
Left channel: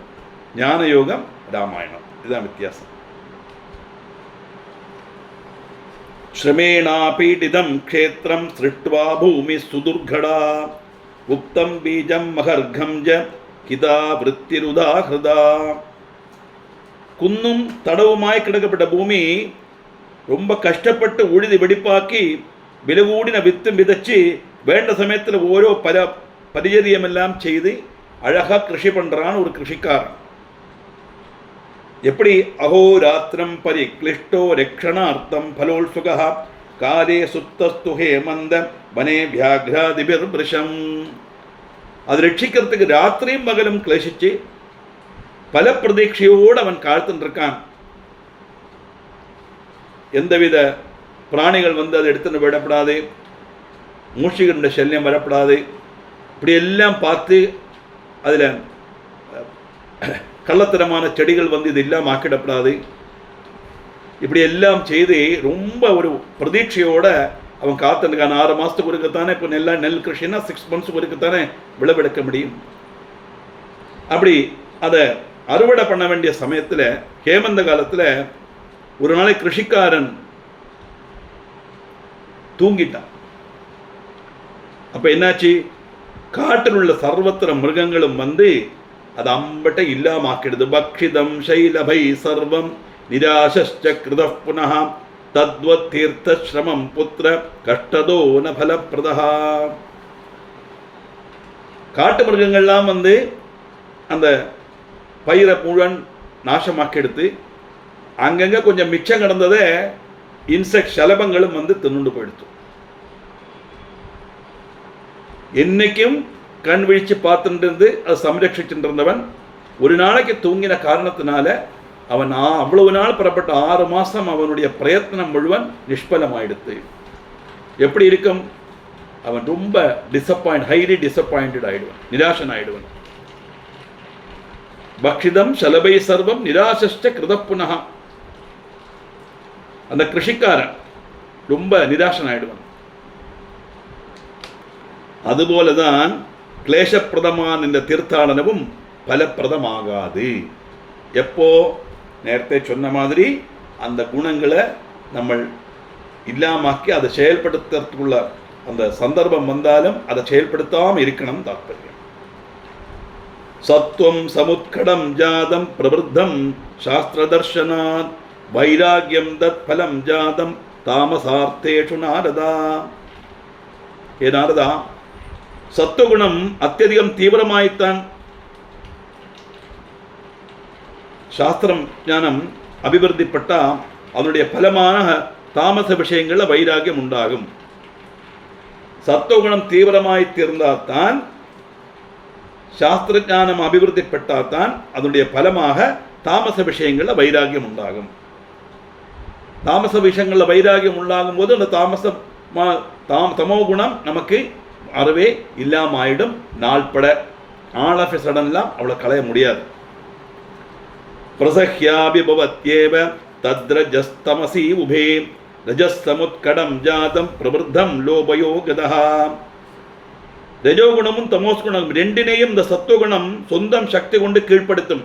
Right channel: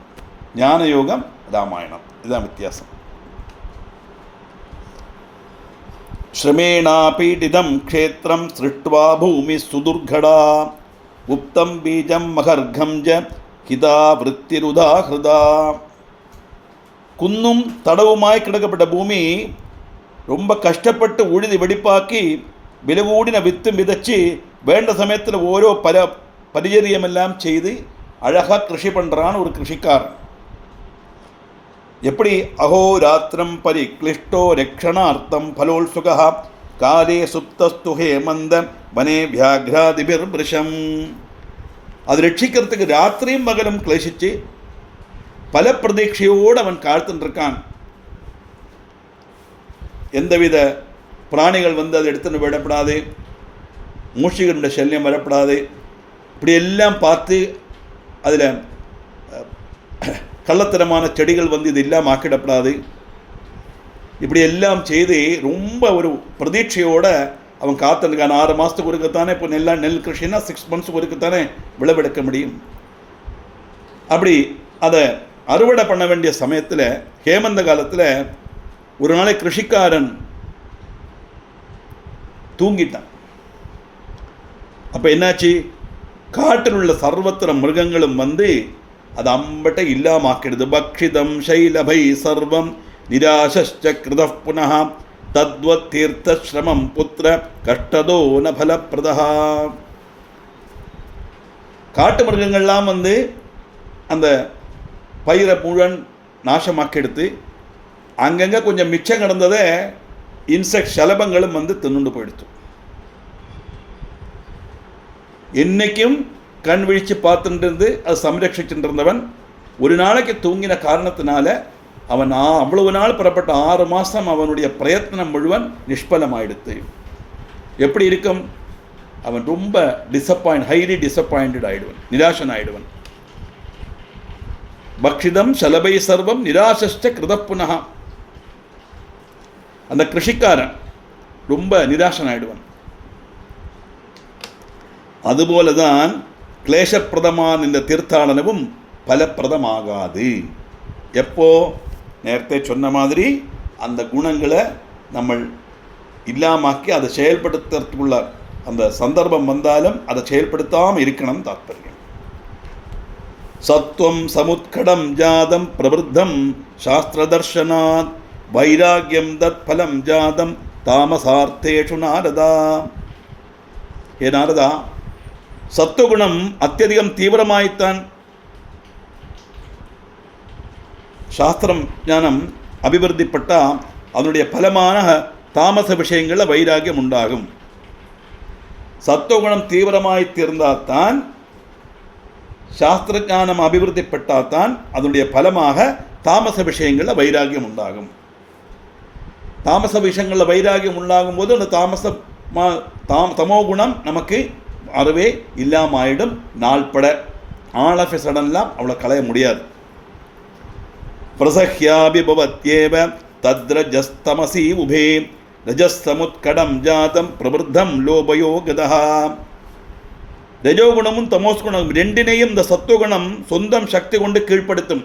ஞானயோகம் ராமாயணம். இதுதான் வித்தியாசம். ஸ்ரமேணாபீடிதம் க்ஷேத்திரம் சிருஷ்ட்வா பூமி சுதுர்கடா உப்தம் பீஜம் மகர்கம் ஜ ஹிதா விருத்திருதாஹிருதா. குன்னும் தடவுமாய் கிடக்கப்பட்ட பூமி ரொம்ப கஷ்டப்பட்டு உழுதி வெடிப்பாக்கி വിലകൂടിന വിത്തും വിതച്ച് വേണ്ട സമയത്തിൽ ഓരോ പരിചര്യമെല്ലാം ചെയ്ത് அழகாக கிருஷி பண்ணுறான் ஒரு கிருஷிக்காரன். எப்படி அஹோராத்திரம் பரிக்ளிஷ்டோ ரக்ஷணார்த்தம் ஃபலோல்சுக காலே சுப்தஸ்து ஹேமந்த வனே வியாக்ராதிபிர்பிருஷம். அது ரட்சிக்கிறதுக்கு ராத்திரியும் பகலும் கிளேசிச்சு பல பிரதீட்சையோடு அவன் காத்துருக்கான். எந்தவித பிராணிகள் வந்து அதை எடுத்துன்னு விடப்படாது, மூஷிகளுடைய சல்யம் வரப்படாது, இப்படியெல்லாம் பார்த்து அதில் கள்ளத்தனமான செடிகள் வந்து இது எல்லாம் ஆக்கிடப்படாது. இப்படி எல்லாம் செய்து ரொம்ப ஒரு பிரதீட்சையோடு அவன் காத்துருக்கான். 6 மாதத்துக்கு ஒருக்கத்தானே இப்போ நெல் கிருஷின்னா 6 மந்த்ஸுக்கு ஒருக்கத்தானே விளைவெடுக்க முடியும். அப்படி அதை அறுவடை பண்ண வேண்டிய சமயத்தில் ஹேமந்த காலத்தில் ஒரு நாளை கிருஷிக்காரன் தூங்கிட்டான். அப்போ என்னாச்சு, காட்டில் உள்ள சர்வத்திர மிருகங்களும் வந்து அது அம்பட்ட இல்லாமாக்கிடுது. பக்ஷிதம் சைலபை சர்வம் நிராசஸ்ச கிருத புனः தத்வத் தீர்த்த ஸ்ரமம் புத்திர கஷ்டதோ ந பலப்பிரதா. காட்டு மிருகங்கள்லாம் வந்து அந்த பயிரை முழன் நாசமாக்கி எடுத்து அங்கங்கே கொஞ்சம் மிச்சம் கிடந்ததை இன்செக்ட் சலபங்களும் வந்து தின்னுண்டு போயிடுத்து. என்னைக்கும் கண் விழிச்சு பார்த்துட்டு இருந்து அது சம்ரட்சிச்சுட்டு இருந்தவன் ஒரு நாளைக்கு தூங்கின காரணத்தினால அவன் அவ்வளவு நாள் புறப்பட்ட 6 மாதம் அவனுடைய பிரயத்னம் முழுவன் நிஷ்பலமாயிடுத்து. எப்படி இருக்கும், அவன் ரொம்ப ஹைலி டிசப்பாயிண்டட் ஆயிடுவன், நிராசன் ஆயிடுவன். பக்ஷிதம் சலபை சர்வம் நிராசஸ்ச கிருத புனः. அந்த கிருஷிக்காரன் ரொம்ப நிராசன் ஆயிடுவன். அதுபோலதான் கிளேசப்பிரதமான இந்த தீர்த்தாடனமும் பலப்பிரதமாகாது. எப்போ, நேரத்தை சொன்ன மாதிரி அந்த குணங்களை நம்ம இல்லாமாக்கி அதை செயல்படுத்துறதுக்குள்ள அந்த சந்தர்ப்பம் வந்தாலும் அதை செயல்படுத்தாமல் இருக்கணும் தாற்பயம். சத்வம் சமுத்கடம் ஜாதம் பிரவருத்தம் சாஸ்திரதர்ஷனாத் வைராகியம் தத் பலம் ஜாதம் தாமசார்த்தேஷு நாரதா. ஏ நாரதா, சத்துவகுணம் அத்தியதிகம் தீவிரமாய்த்தான் சாஸ்திரம் ஞானம் அபிவிருத்திப்பட்டால் அதனுடைய பலமான தாமச விஷயங்களில் வைராகியம் உண்டாகும். சத்துவகுணம் தீவிரமாய் தீர்ந்தால்தான் சாஸ்திர ஞானம் அபிவிருத்திப்பட்டால்தான் அதனுடைய பலமாக താമസ വിഷയങ്ങളിലെ വൈരാഗ്യം ഉണ്ടാകും. താമസ വിഷയങ്ങളിലെ വൈരാഗ്യം ഉണ്ടാകുമ്പോൾ அந்த தமோ குணம் நமக்கு அறவே இல்லாமாயிடும். நாள்பட ஆல் ஆஃப் எ சடன்லாம் அவளை களைய முடியாது. பிரசஹ்யாபிபவத்யேவ தத்ரஜஸ்தமசி உபே ரஜஸ்தமுத்கடம் ஜாதம் பிரவருத்தம் லோபயோ கதஹ. രജോഗുണവും തമോസ് ഗുണവും രണ്ടിനെയും இந்த സത്വഗുണം സ്വന്തം ശക്തി കൊണ്ട് കീഴ്പ്പെടുത്തും.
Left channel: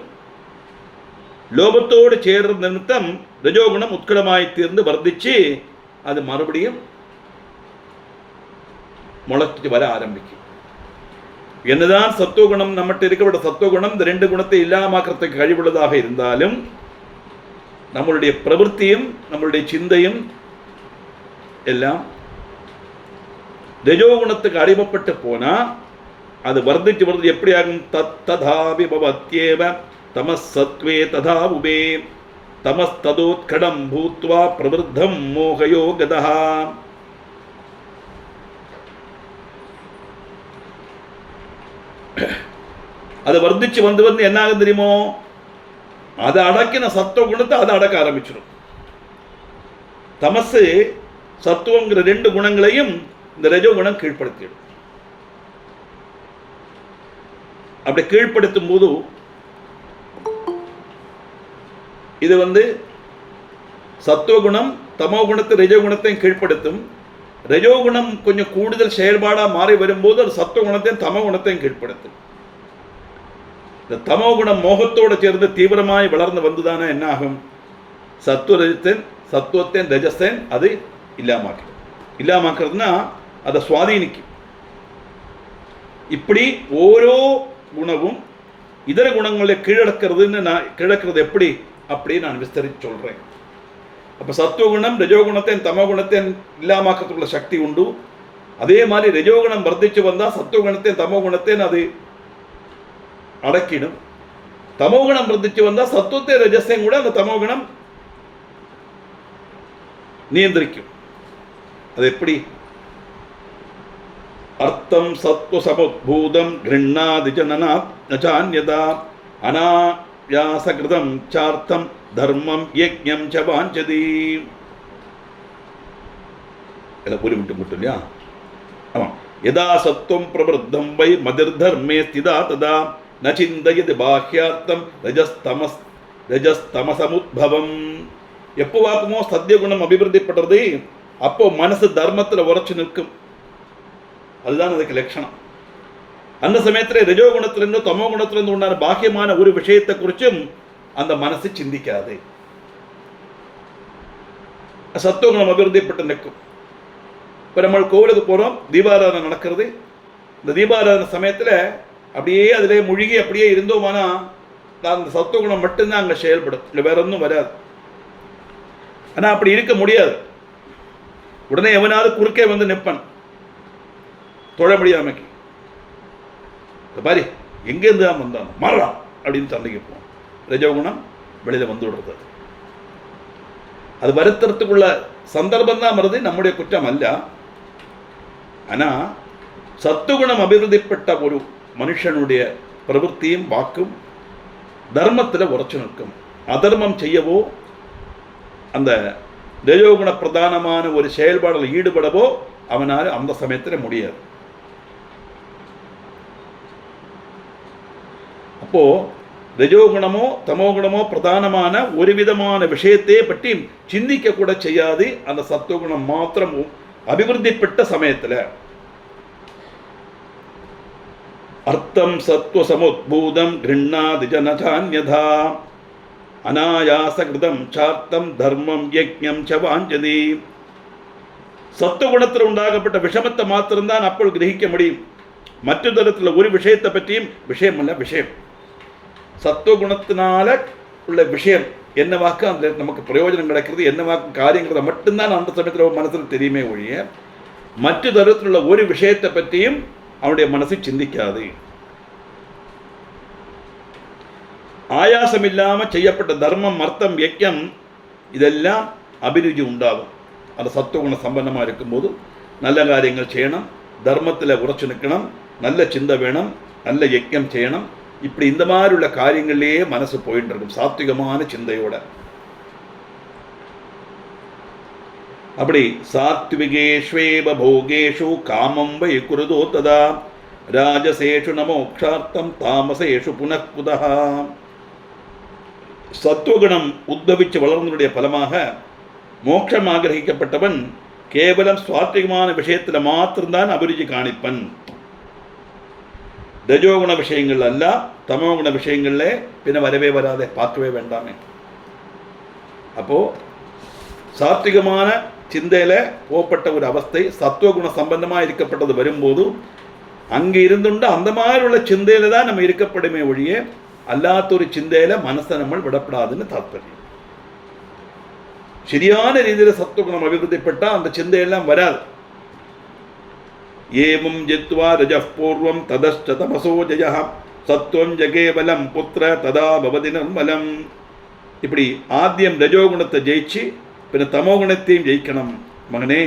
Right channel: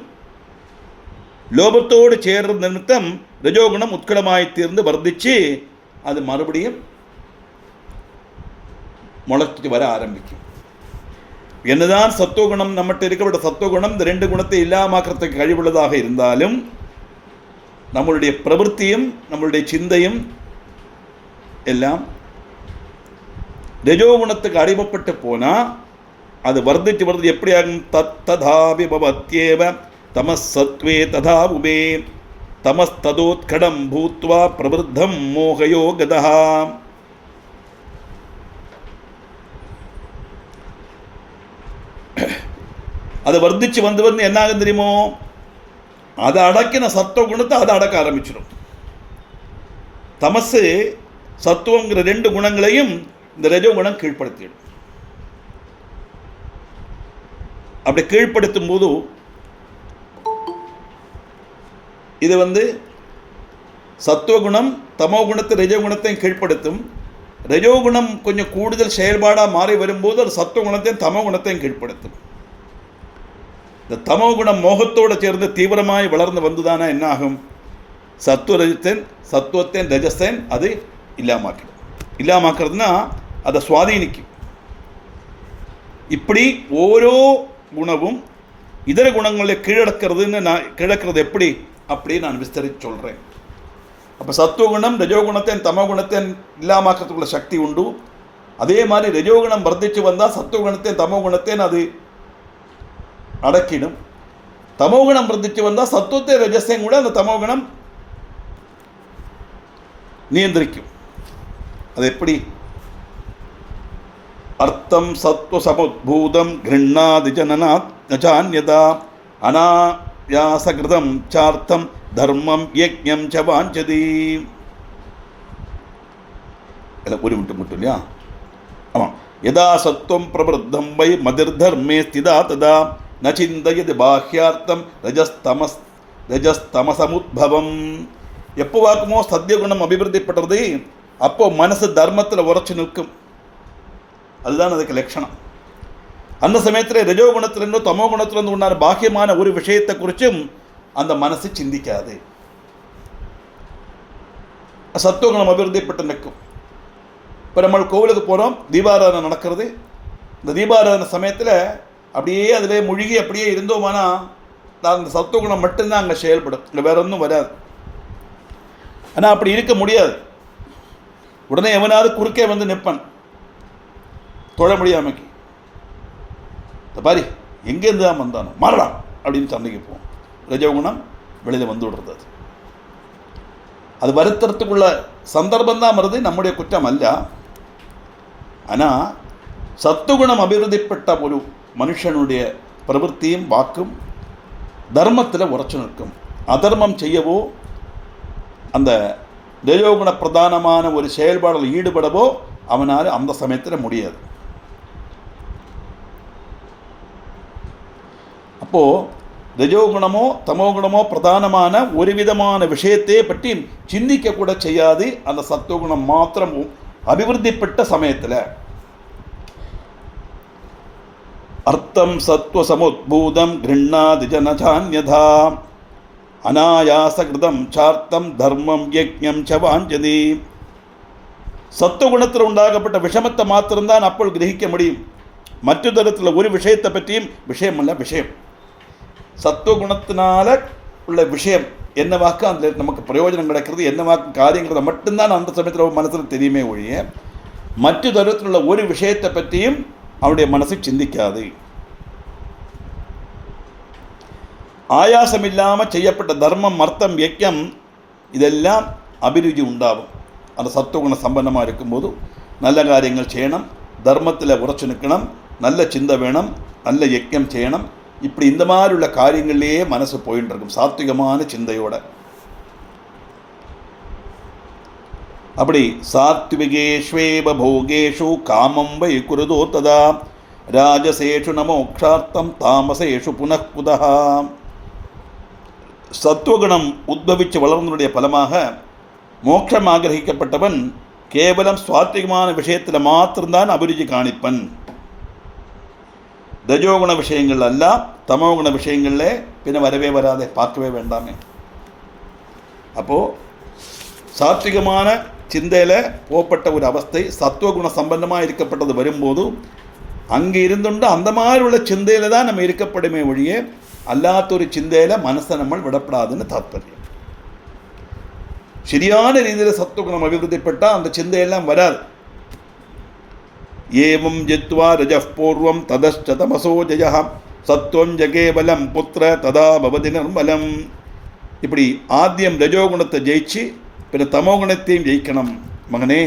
ലോപത്തോട് ചേർന്ന നിമിത്തം രജോഗുണം ഉത്കടമായി തീർന്ന് വർദ്ധിച്ച് അത് മറുപടിയും മുളച്ചിട്ട് വര ആരംഭിക്കും. என்னதான் சத்துவகுணம் நம்மகிட்ட இருக்கப்பட்ட சத்துவகுணம் இந்த ரெண்டு குணத்தை இல்லாமக்கிறதுக்கு കഴിവുള്ളதாக இருந்தாலும் நம்மளுடைய பிரவൃத்தியும் நம்மளுடைய சிந்தையும் எல்லாம் രജോഗുണத்துக்கு அடிமைப்பட்டு போனால் அது வர்த்திச்சு வருது. எப்படியாகும்? ததாபி பவத்யேவ தமசத்வே ததா உபே தமஸ்ததோத்கடம் பூத்வா பிரவருத்தம் மோகயோ கதஹ. அது வர்த்திச்சு வந்து என்ன ஆகும் தெரியுமோ? அதை அடக்கின சத்துவகுணத்தை அதை அடக்க ஆரம்பிச்சிடும். தமசு சத்துவங்கிற ரெண்டு குணங்களையும் இந்த ரஜோகுணம் கீழ்ப்படுத்திடும். அப்படி கீழ்ப்படுத்தும் போது இது சத்துவகுணம் தமோ குணத்தை ரஜோகுணத்தையும் கீழ்ப்படுத்தும். ரஜோகுணம் கொஞ்சம் கூடுதல் செயல்பாடாக மாறி வரும்போது அது சத்துவகுணத்தையும் தமோ குணத்தையும் கீழ்ப்படுத்தும். இந்த தமோ குணம் மோகத்தோடு சேர்ந்து தீவிரமாய் வளர்ந்து வந்துதானே என்ன ஆகும்? சத்துவத்தின் ரஜஸ்தன் அது இல்லாமாக்கிறதுனா அதை சுவாதீனிக்கும். இப்படி ஓரோ குணமும் இதர குணங்களை கீழடக்கிறது எப்படி அப்படி நான் விஸ்தரித்து சொல்கிறேன். அப்போ சத்துவகுணம் ரஜோகுணத்தின் தமோ குணத்தின் இல்லாமாக்கிறதுக்குள்ள சக்தி உண்டு. அதே மாதிரி ரஜோகுணம் வர்த்திச்சு வந்தால் சத்துவகுணத்தின் தமோ குணத்தின் அது அடக்கிடும். தமோகுணம் வர்த்திச்சு வந்தால் சத்துவத்தை ரஜஸையும் கூட அந்த தமோகுணம் நியந்திரிக்கும். அது எப்படி? அர்த்தம் சத்வ சமுத்பூதம் கிருண்ணாதி ஜனநாத் நசான்யதா அனாயாசகிருதம் சார்த்தம் தர்மம் யஜ்ஞம் ச வாஞ்சதி. எல்லாம் ஒரு மட்டும் இல்லையா? ஆமாம். யதா சத்வம் பிரவருத்தம் வை மதிர்தர்மே ஸ்திதா ததா ந சிந்தயதி பாஹ்யார்த்தம் ரஜஸ்தமசமுத்பவம். எப்போ வாக்குமோ சத்தியகுணம் அபிவிருத்திப்படுறது அப்போ மனசு தர்மத்தில் உரைச்சு நிற்கும். அதுதான் அதுக்கு லட்சணம். அந்த சமயத்தில் ரஜோகுணத்திலிருந்தோ தமோ குணத்திலிருந்து உண்டான பாக்கியமான ஒரு விஷயத்தை குறிச்சும் அந்த மனசு சிந்திக்காது. சத்துவகுணம் அபிவிருத்திப்பட்டு நிற்கும். இப்போ நம்ம கோவிலுக்கு போகிறோம், தீபாராதனை நடக்கிறது. இந்த தீபாராதனை சமயத்தில் அப்படியே அதிலே மூழ்கி அப்படியே இருந்தோமானா அந்த சத்துவகுணம் மட்டும்தான் அங்கே செயல்படும், இல்லை வேற ஒன்றும் வராது. ஆனால் அப்படி இருக்க முடியாது. உடனே எவனாவது குறுக்கே வந்து நிற்பன் தொழ முடியாமைக்கு. பாரி எங்கேருந்து தான் வந்தானோ மாறலாம் அப்படின்னு சண்டைக்கு போவோம். ரஜோகுணம் வெளியில் வந்து விடுறது. அது வருத்தறதுக்குள்ள சந்தர்ப்பம் தான் வருது, நம்முடைய குற்றம் அல்ல. ஆனால் சத்துகுணம் அபிவிருத்திப்பட்ட ஒரு மனுஷனுடைய பிரவൃத்தியும் வாக்கும் தர்மத்தில் உரைச்சு நிற்கும். அதர்மம் செய்யவோ அந்த ரஜோகுண பிரதானமான ஒரு செயல்பாடில் ஈடுபடவோ அவனால் அந்த சமயத்தில் முடியாது. அப்போது ரஜோகுணமோ தமோகுணமோ பிரதானமான ஒரு விதமான விஷயத்தை பற்றி சிந்திக்க கூட செய்யாது அந்த சத்துவகுணம் மாத்திரமும் அபிவிருத்திப்பட்ட சமயத்தில். அர்த்தம் சத்வ சமுத்பூதம் கிருண்ணாதி ஜனசான்யதா அனாயாசகிருதம் சார்த்தம் தர்மம் யஜ்ஞம் ச வாஞ்சதி. சத்துவகுணத்தில் உண்டாகப்பட்ட விஷமத்தை மாத்திரம்தான் அப்போது கிரகிக்க முடியும். மற்ற தரத்தில் ஒரு விஷயத்தை பற்றியும் விஷயம் அல்ல விஷயம். சத்துவகுணத்தினால உள்ள விஷயம் என்ன வாக்கு அதில் நமக்கு பிரயோஜனம் கிடைக்கிறது, என்ன வாக்கு காரியங்கிறத மட்டும்தான் அந்த சமயத்தில் மனசில் தெரியுமே ஒழிய மற்ற தரத்தில் உள்ள ஒரு விஷயத்தை பற்றியும் அவனுடைய மனசை சிந்திக்காது. ஆயாசம் இல்லாமல் செய்யப்பட்ட தர்மம் அர்த்தம் யஜ்ஞம் இதெல்லாம் அபிருச்சி உண்டாகும். அந்த சத்துவகுண சம்பந்தமாக இருக்கும்போது நல்ல காரியங்கள் செய்யணும், தர்மத்தில் உரைச்சு நிற்கணும், நல்ல சிந்தை வேணும், நல்ல யஜ்ஞம் செய்யணும், இப்படி இந்த மாதிரி உள்ள காரியங்கள்லேயே மனசு போயிட்டு இருக்கும் சாத்விகமான சிந்தையோட. அப்படி சாத்விகேஷ்வேவ போகேஷு காமம் வை குருதோ ததா ராஜசேஷு நமோக்ஷார்த்தம் தாமசேஷு புனഃகுதா. சத்துவகுணம் உத்பவிச்சு வளர்ந்தனுடைய பலமாக மோட்சம் ஆகிரகிக்கப்பட்டவன் கேவலம் சுவாத்விகமான விஷயத்தில் மாத்திரம்தான் அபிருச்சி காணிப்பன். ரஜோகுண விஷயங்கள் அல்ல, தமோகுண விஷயங்கள்ல பின்ன வரவே வராதே, பார்க்கவே வேண்டாமே. அப்போது சாத்விகமான சிந்தையில் போகப்பட்ட ஒரு அவஸ்தை சத்துவகுண சம்பந்தமாக இருக்கப்பட்டது வரும்போது அங்கே இருந்துண்டு அந்த மாதிரி உள்ள சிந்தையில் தான் நம்ம இருக்கப்படுமே ஒழிய அல்லாத ஒரு சிந்தையில் மனசை நம்ம விடப்படாதுன்னு தாத்பரியம். சரியான ரீதியில் சத்துவகுணம் அபிவிருத்திப்பட்டால் அந்த சிந்தையெல்லாம் வராது. ஏவம் ஜித்வா ரஜப் பூர்வம் ததஷ்ட தமசோ ஜய சத்வம் ஜகேவலம் புத்திர ததா பவதி நிர்மலம். இப்படி ஆத்தியம் ரஜோகுணத்தை ஜெயிச்சு பின்ன தமோகுணத்தையும் ஜெயிக்கணும் மகனே.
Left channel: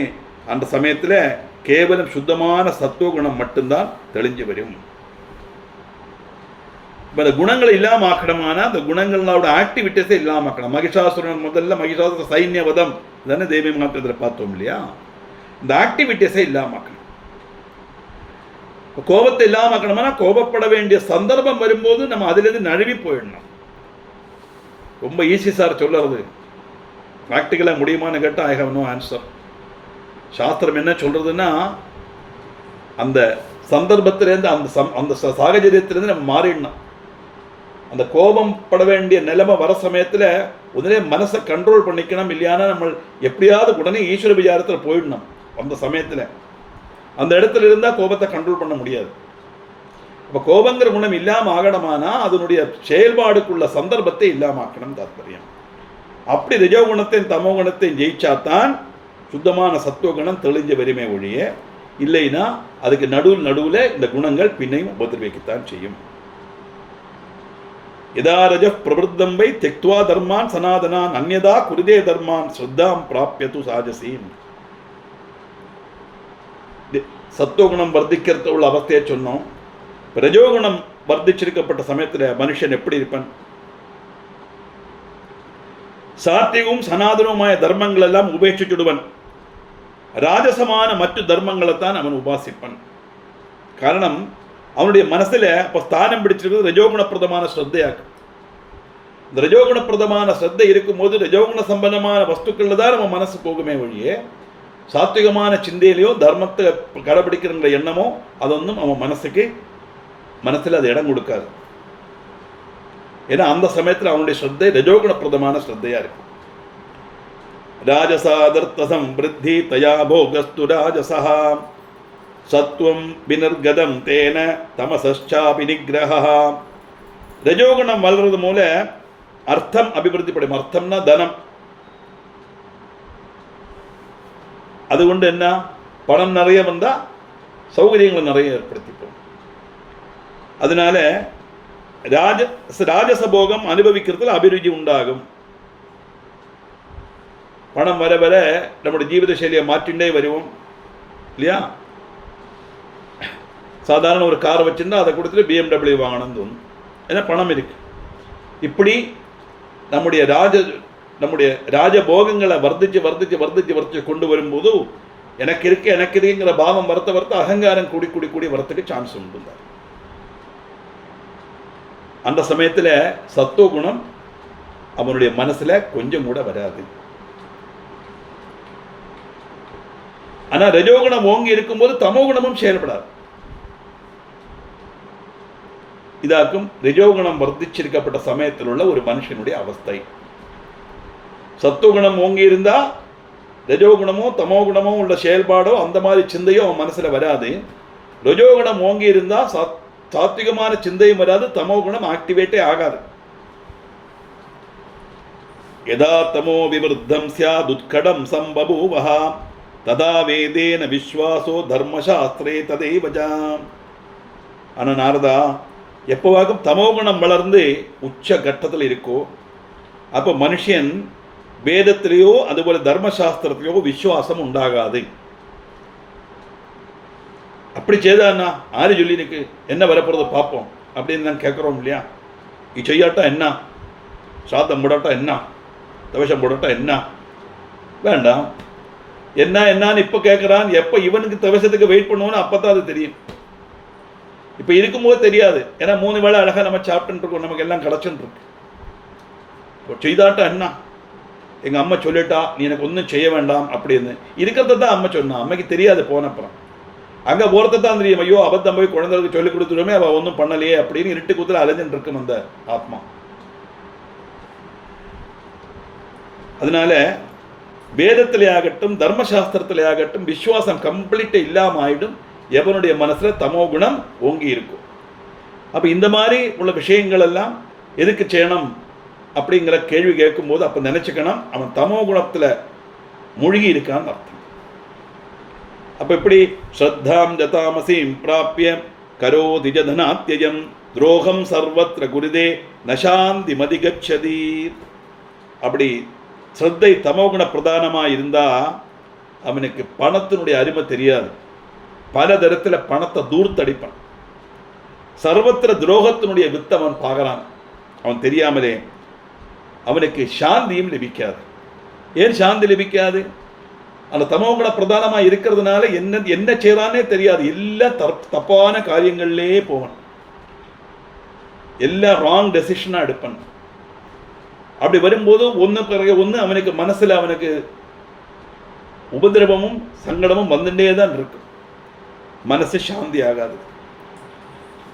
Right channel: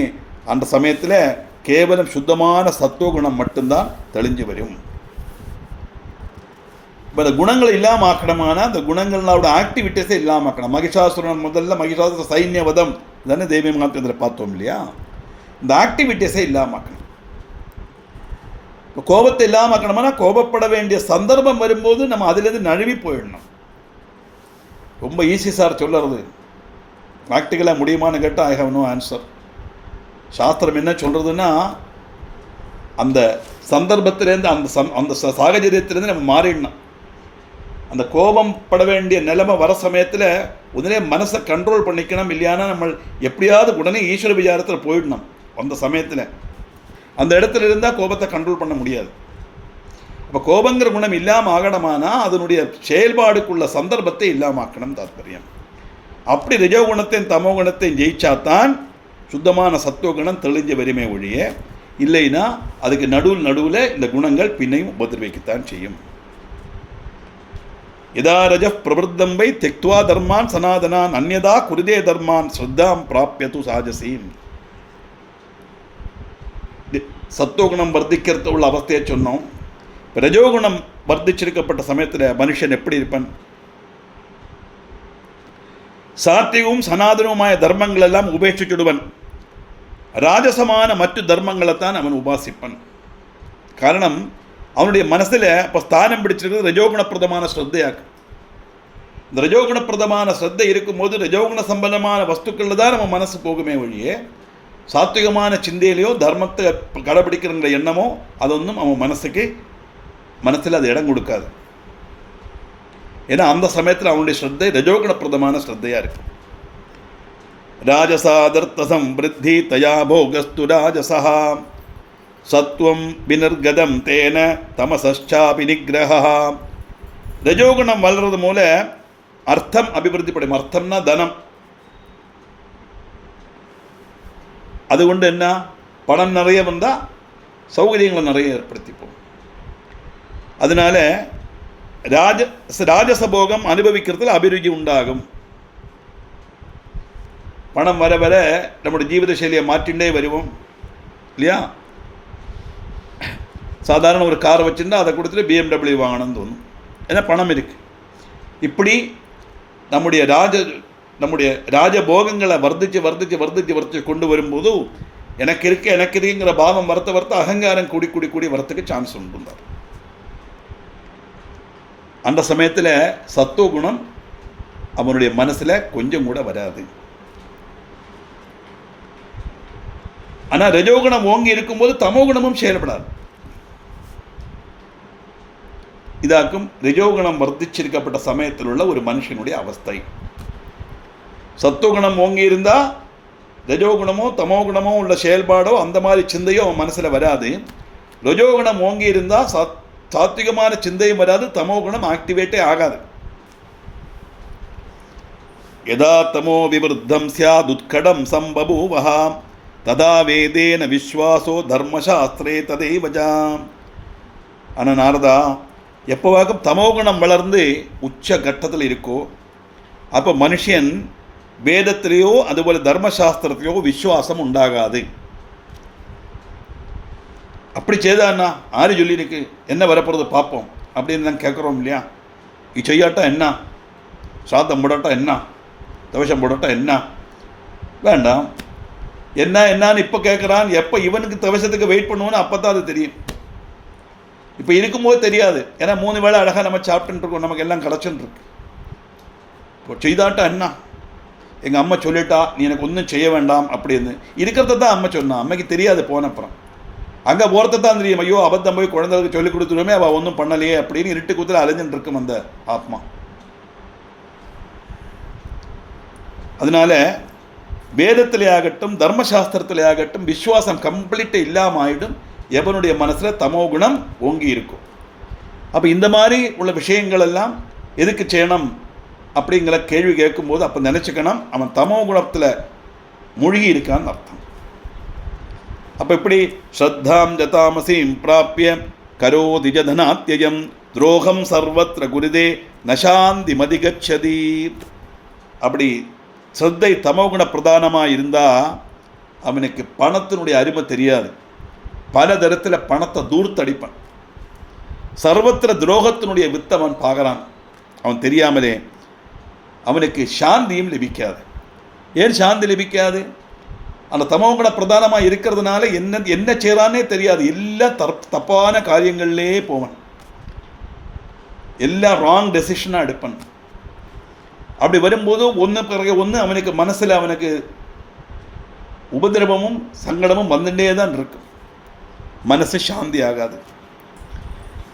அந்த சமயத்தில் கேவலம் சுத்தமான சத்துவகுணம் மட்டும்தான் தெளிஞ்சு வரும். இப்போ இந்த குணங்களை இல்லாமல் ஆக்கணுமானா அந்த குணங்களோட ஆக்டிவிட்டீஸை இல்லாமல் ஆக்கணும். மகிஷாசுரன் முதல்ல மகிஷாசுர சைன்யவதம் தானே தேவி மகாத்திரத்தில் பார்த்தோம் இல்லையா? இந்த ஆக்டிவிட்டீஸை இல்லாமல் ஆக்கணும். கோபத்தை இல்லாமல் ஆக்கணுமானா கோபப்பட வேண்டிய சந்தர்ப்பம் வரும்போது நம்ம அதுலேருந்து நழுவி போயிடணும். ரொம்ப ஈஸி சார் சொல்லுறது, ப்ராக்டிக்கலாக முடியுமான்னு கேட்டால் ஐ ஹவ் நோ ஆன்சர். சாஸ்திரம் என்ன சொல்கிறதுன்னா அந்த சந்தர்ப்பத்திலேருந்து அந்த சாகச்சரியத்திலேருந்து நம்ம மாறிடணும். அந்த கோபம் பட வேண்டிய நிலைமை வர சமயத்தில் உடனே மனசை கண்ட்ரோல் பண்ணிக்கணும். இல்லையானா நம்ம எப்படியாவது உடனே ஈஸ்வர விசாரத்தில் போயிடணும். அந்த சமயத்தில் அந்த இடத்துல இருந்தால் கோபத்தை கண்ட்ரோல் பண்ண முடியாது. இப்போ கோபங்கிற குணம் இல்லாமல் ஆகணுமானா அதனுடைய செயல்பாடுக்குள்ள சந்தர்ப்பத்தை இல்லாமல் ஆக்கணும் தாற்பயம். அப்படி ரஜோகுணத்தையும் தமோகுணத்தையும் ஜெயிச்சாத்தான் சுத்தமான சத்துவகுணம் தெளிஞ்ச வருமே ஒழிய இல்லைன்னா அதுக்கு நடுவில் இந்த குணங்கள் பின்னையும் உபதிரவிக்கத்தான் செய்யும். யதா ரஜ பிரவருத்தம் வை தெக்த்வா தர்மான் சனாதனான் அந்யதா குருதே தர்மான் ஸ்ரத்தாம் பிராப்யது சாஜசீம். சத்துவகுணம் வர்த்திக்கிறது உள்ள அவஸ்தையை சொன்னோம். ரஜோகுணம் வர்த்திச்சிருக்கப்பட்ட சமயத்தில் மனுஷன் எப்படி இருப்பான்? சாத்விகமும் சனாதனவுമായ தர்மங்கள் எல்லாம் உபேட்சிச்சுடுவன். ராஜசமான மற்ற தர்மங்களைத்தான் அவன் உபாசிப்பன். காரணம் அவனுடைய மனசில் இப்போ ஸ்தானம் பிடிச்சிருக்கிறது ரஜோகுணப்பிரதமான ஸ்ரத்தையாக்கும். இந்த ரஜோகுணப்பிரதமான ஸ்ரத்தை இருக்கும்போது ரஜோகுண சம்பந்தமான வஸ்துக்களில் தான் நம்ம மனசு போகுமே ஒழிய சாத்விகமான சிந்தையிலையோ தர்மத்தை கடைபிடிக்கிற எண்ணமோ அதொன்றும் அவன் மனசில் அது இடம் கொடுக்காது. ஏன்னா அந்த சமயத்தில் அவனுடைய ஸ்ரத்தை ரஜோகுணப்பிரதமான ஸ்ரத்தையாக இருக்கு. ராஜசாதர்த்த சம்பிருத்தி தயா போகஸ்து ராஜசா சத்வம் வினிர்கதம் தேன தமசாபி நிகிரஹா. ரஜோகுணம் வளர்றது மூல அர்த்தம் அபிவிருத்திப்படும். அர்த்தம்னா தனம். அதுகொண்டு என்ன பணம் நிறைய வந்தால் சௌகரியங்களை நிறைய ஏற்படுத்திப்போம். அதனால ராஜசபோகம் அனுபவிக்கிறதுல அபிருச்சி உண்டாகும். பணம் வர வர நம்முடைய ஜீவித சைலியை மாற்றிண்டே வருவோம் இல்லையா? சாதாரண ஒரு காரை வச்சுருந்தா அதை கொடுத்துட்டு BMW வாங்கணும்னு தோணும். ஏன்னா பணம் இருக்கு. இப்படி நம்முடைய ராஜபோகங்களை வர்த்திச்சு கொண்டு வரும்போது எனக்கு இருக்குங்கிற பாவம் வரத்த அகங்காரம் கூடி வரத்துக்கு சான்ஸ் உண்டு. அந்த சமயத்தில் சத்துவகுணம் அவனுடைய மனசில் கொஞ்சம் கூட வராது. ஆனால் ரஜோகுணம் ஓங்கி இருக்கும்போது தமோகுணமும் செயல்படாது. இதாக்கும் ரஜோகுணம் வர்த்திச்சிருக்கப்பட்ட சமயத்தில் உள்ள ஒரு மனுஷனுடைய அவஸ்தை. சத்துவகுணம் ஓங்கி இருந்தால் ரஜோகுணமோ தமோகுணமோ உள்ள செயல்பாடோ அந்த மாதிரி சிந்தையோ அவன் மனசில் வராது. ரஜோகுணம் ஓங்கி இருந்தால் சாத்விகமான சிந்தையும் வராது, தமோகுணம் ஆக்டிவேட்டே ஆகாது. யதா தமோ விவருத்தம் ஸ்யாதுத்கடம் சம்பபூவஹ ததா வேதேன விஸ்வாசோ தர்மசாஸ்திரே ததைவஜாம். ஆனால் நாரதா, எப்போவாகும் தமோகுணம் வளர்ந்து உச்ச கட்டத்தில் இருக்கோ அப்போ மனுஷன் வேதத்திலேயோ அதுபோல தர்மசாஸ்திரத்திலேயோ விசுவாசம் உண்டாகாது. அப்படி செய்தான்னா ஆறு சொல்லிருக்கு என்ன வரப்போறது பார்ப்போம். அப்படின்னு தான் கேட்குறோம் இல்லையா? இது செய்யாட்டா என்ன, சாத்தம் போடாட்டா என்ன, தவசம் போடாட்டா என்ன, வேண்டாம். என்னான்னு இப்போ கேட்குறான். எப்போ இவனுக்கு தவசத்துக்கு வெயிட் பண்ணுவோன்னு அப்போ தான் அது தெரியும். இப்போ இருக்கும்போது தெரியாது. ஏன்னா 3 வேளை அழகாக நம்ம சாப்பிட்டுட்டு இருக்கோம், நமக்கு எல்லாம் கிடச்சுன்னு இருக்கு. இப்போ செய்தாட்டா என்ன, எங்கள் அம்மா சொல்லிட்டா நீ எனக்கு ஒன்றும் செய்ய வேண்டாம் அப்படின்னு இருக்கிறத தான் அம்மா சொன்னான். அம்மைக்கு தெரியாது போனப்புறம். அங்கே போகிறத தான் தெரியும். ஐயோ அபத்தம் போய் குழந்தைகளுக்கு சொல்லிக் கொடுத்துருவோமே, அவள் ஒன்றும் பண்ணலையே அப்படின்னு இருட்டு குத்துல அலைஞ்சுட்டு இருக்கும் அந்த ஆத்மா. அதனால வேதத்திலே ஆகட்டும் தர்மசாஸ்திரத்திலே ஆகட்டும் விசுவாசம் கம்ப்ளீட்டாக இல்லாமல் ஆகிடும். எவனுடைய மனசில் தமோ குணம் ஓங்கி இருக்கும். அப்போ இந்த மாதிரி உள்ள விஷயங்கள் எல்லாம் எதுக்கு செய்யணும் அப்படிங்கிற கேள்வி கேட்கும்போது அப்போ நினச்சிக்கணும் அவன் தமோ குணத்தில் மூழ்கி இருக்கான்னு அர்த்தம். அப்போ இப்படி ஸ்ரத்தாம் ஜதாமசீம் பிராப்பிய கரோதி ஜதனாத்யஜம் துரோகம் சர்வத்திர குருதே நசாந்தி மதிகச்சதி. அப்படி ஸ்ரத்தை தமோகுண பிரதானமாக இருந்தால் அவனுக்கு பணத்தினுடைய அருமை தெரியாது. பல தரத்தில் பணத்தை தூர்த்தடிப்பான். சர்வத்திர துரோகத்தினுடைய வித்தை அவன் பார்க்குறான். அவன் தெரியாமலே அவனுக்கு சாந்தியும் லபிக்காது. ஏன் சாந்தி லபிக்காது? அந்த தமோகுண பிரதானமாக இருக்கிறதுனால என்ன செய்யறானே தெரியாது. எல்லாம் தப்பான காரியங்கள்லே போவான். எல்லாம் ராங் டெசிஷனாக எடுப்பான். அப்படி வரும்போது ஒன்று பிறகு ஒன்று அவனுக்கு மனசில் அவனுக்கு உபதிரவமும் சங்கடமும் வந்துட்டே தான் இருக்கு. மனசு சாந்தி ஆகாது.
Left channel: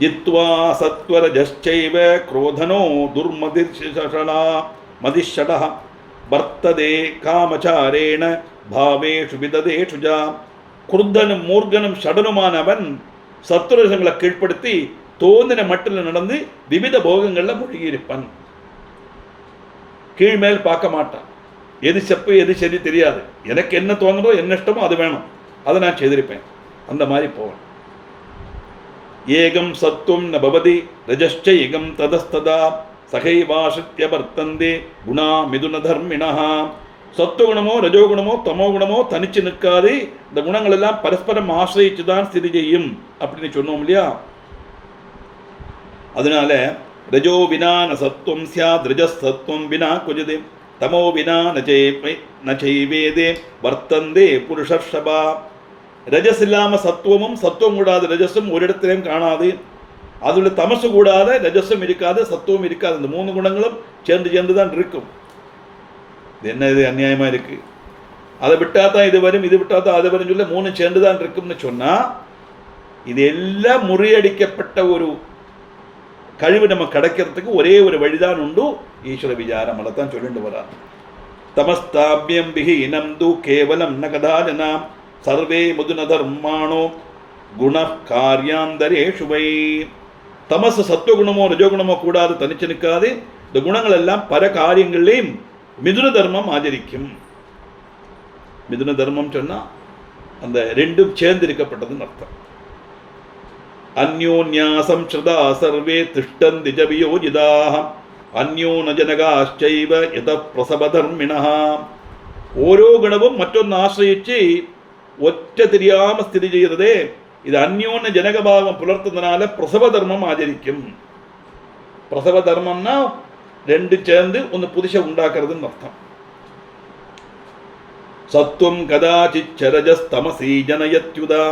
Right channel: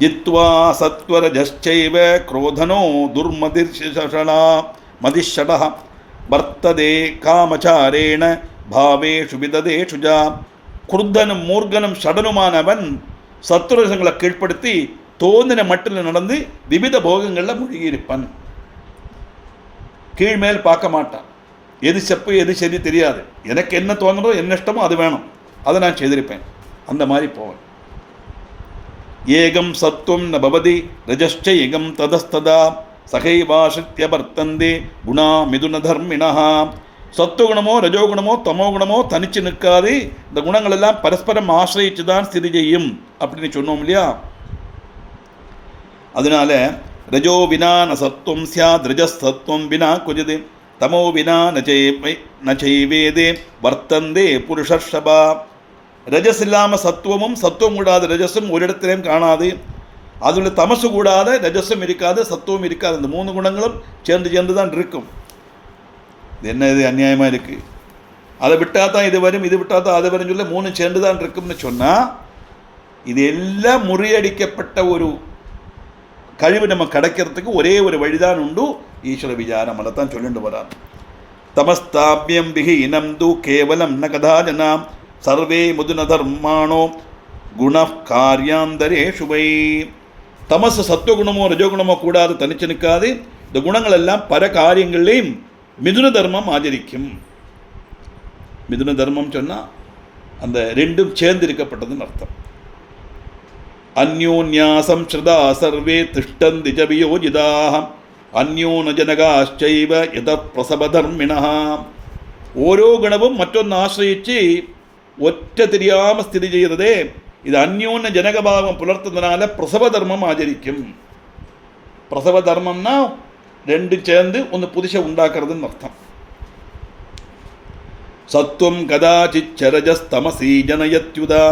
ஜித்வா சத்வரஜைவ குரோதனோ துர்மதிஷடா மதிஷட வர்த்ததே காமச்சாரேண பாவேஷு விததேஷு ஜா. குருத்தனும் மூர்கனும் ஷடனுமானவன் சத்துரசங்களை கீழ்ப்படுத்தி தோந்தின மட்டில் நடந்து விவித போகங்களில் மூழ்கியிருப்பான். கீழ்மேல் பார்க்க மாட்டான். எது செப்பு எது சரி தெரியாது. எனக்கு என்ன தோணுதோ என்ன இஷ்டமோ அது வேணும், அதை நான் செய்திருப்பேன். அந்த மாதிரி போவேன். ஏகம் சத்துவம் ந பவதி ரஜಶ್ಚ ஏகம் ததஸ்ததா சகைவாசித்ய வர்த்தந்தே குணா மிதுன தர்மிணா. சத்துவகுணமோ ரஜோகுணமோ தமோகுணமோ தனிச்சு நிற்காது. இந்த குணங்கள் எல்லாம் பரஸ்பரம் ஆசிரியிச்சு தான் ஸ்திதி செய்யும் அப்படின்னு சொன்னோம் இல்லையா? அதனால ரஜோ வினா ந சத்துவம் ஸ்யாத் ரஜசத்துவம் வினா குஜதே தமோ வினா நச்சைவேதே வர்த்தந்தே புருஷர்ஷபா. ரஜஸ் இல்லாமல் சத்துவமும் சத்துவம் கூடாத ரஜஸும் ஒரு இடத்திலையும் காணாது. அதில் தமசு கூடாத ரஜஸும் இருக்காது, சத்துவம் இருக்காது. இந்த 3 குணங்களும் சேர்ந்து தான் இருக்கும். இது என்ன, இது அநியாயமாக இருக்குது. அதை விட்டால் தான் இது வரும், இது விட்டால் தான் அது வரும் சொல்ல 3 சேர்ந்து தான் இருக்கும்னு சொன்னால் இது எல்லாம் முறியடிக்கப்பட்ட ஒரு கழிவு நம்ம கிடைக்கிறதுக்கு ஒரே ஒரு வழிதான் உண்டு, ஈஸ்வர விசாரம். அதை தான் சொல்லிட்டு வரான். தமஸ்தாபியம் விஹீனம் து கேவலம் ந கதாஜனாம் சர்வே முதுன தர்மாணோ குண காரியாந்தரேஷு வை. தமசு சத்துவகுணமோ ரஜோகுணமோ கூடாது, தனிச்சு நிற்காது. இந்த குணங்கள் எல்லாம் பல காரியங்களையும் மிதுன தர்மம் ஆச்சரிக்கும். மிதுன தர்மம் சொன்னால் அந்த ரெண்டும் சேர்ந்து இருக்கப்பட்டதுன்னு அர்த்தம். அந்யோன்யாசம் ஸ்ருதா சர்வே திஷ்டந்தி ச வியோஜிதாः அந்யோன ஜனகாச்சைவ யத பிரசவதர்மிணः. ஓரோ குணமும் மற்றொன்று ஆசிரியிச்சு ஒற்ற தெரியாமல் ஸ்திதி செய்கிறதே, இது அந்யோன்ய ஜனகபாவம் புலர்த்ததுனால பிரசவ தர்மம் ஆச்சரிக்கும். பிரசவ தர்மம்னா 2 சேர்ந்து ஒன்று புதுசை உண்டாக்குறதுன்னு அர்த்தம். சத்துவம் கதாச்சித் ரஜஸ்தமசி ஜனயத்யுதா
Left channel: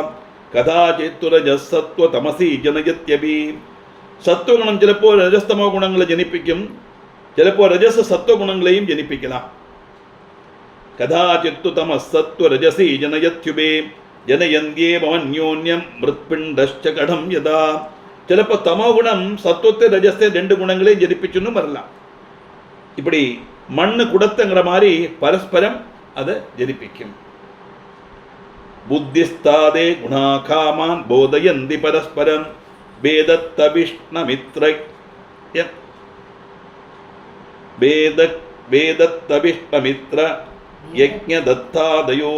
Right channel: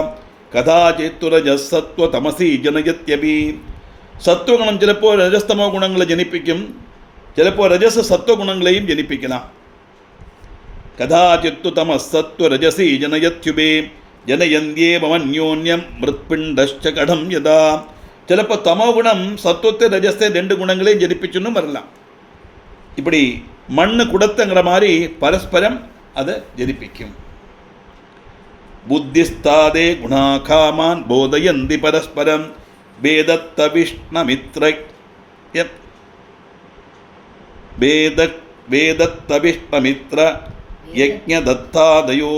கதாச்சித் ரஜஸ்ஸத்வ தமசி ஜனயத்யபி. சத்துவகுணம் சிலப்போ ரஜஸ்தமோ குணங்களை ஜனிப்பிக்கும், சிலப்போ ரஜஸ் சத்துவ குணங்களையும் ஜனிப்பிக்கலாம். கதாச்சித்து தமசத்வ ரஜசி ஜனயத்யுபே ஜனயந்தியேவமன்யோன்யம் மிருத்பிண்டஷ்ச கடம் யதா. சிலப்போ தமோ குணம் சத்துவத்தை ரஜஸ்தை 2 குணங்களையும் ஜனிப்பிச்சுன்னு வரலாம். இப்படி மண்ணு குடத்துங்கிற மாதிரி பரஸ்பரம் அதை ஜனிப்பிக்கும். புத்திஸ்தாதே குணா காமான் போதயந்தி பரஸ்பரம் வேதத்த விஷ்ணமித்ர வேதத்த விஷ்ணமித்ர யஜ்ஞதத்தாதயோ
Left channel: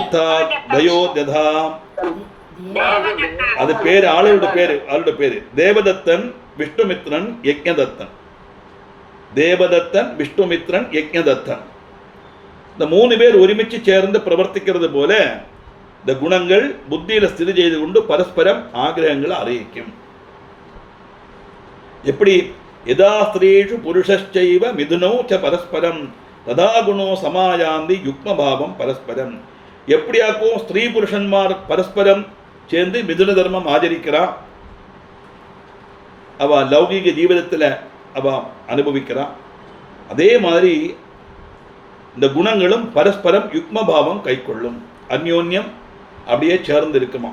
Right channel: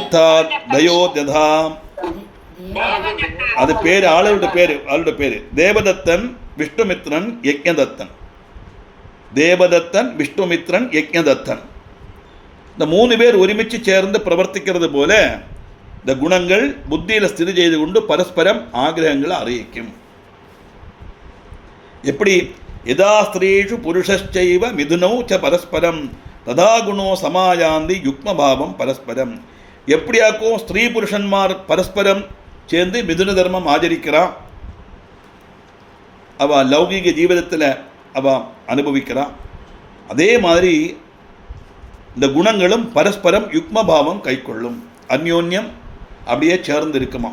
தத்தாதயோத்யதா. அது பேர் ஆளோட பேரு தேவதத்தன் விஷ்ணுமித்ரன் யஜ்ஞதத்தன். தேவதத்தன் விஷ்ணுமித்ரன் யஜ்ஞதத்தன். இந்த 3 பேர் ஒருமிச்சு சேர்ந்து பிரவர்த்திக்கிறது போல இந்த குணங்கள் புத்தியில் ஸ்திதி செய்து கொண்டு பரஸ்பரம் ஆகிரகங்களை அறிவிக்கும். எப்படி? யதா ஸ்திரீஷு புருஷைவ மிதுனோ ச பரஸ்பரம் ததா குணோ சமாயாந்தி யுக்மபாவம் பரஸ்பரம். எப்படியாக்கும் ஸ்திரீ புருஷன்மார் பரஸ்பரம் சேர்ந்து மிதுன தர்மம் ஆச்சரிக்கிறான், அவ லௌகிக ஜீவிதத்தில் அவ அனுபவிக்கிறா. அதே மாதிரி இந்த குணங்களும் பரஸ்பரம் யுக்மபாவம் கை கொள்ளும், அந்யோன்யம் அப்படியே சேர்ந்து இருக்குமா.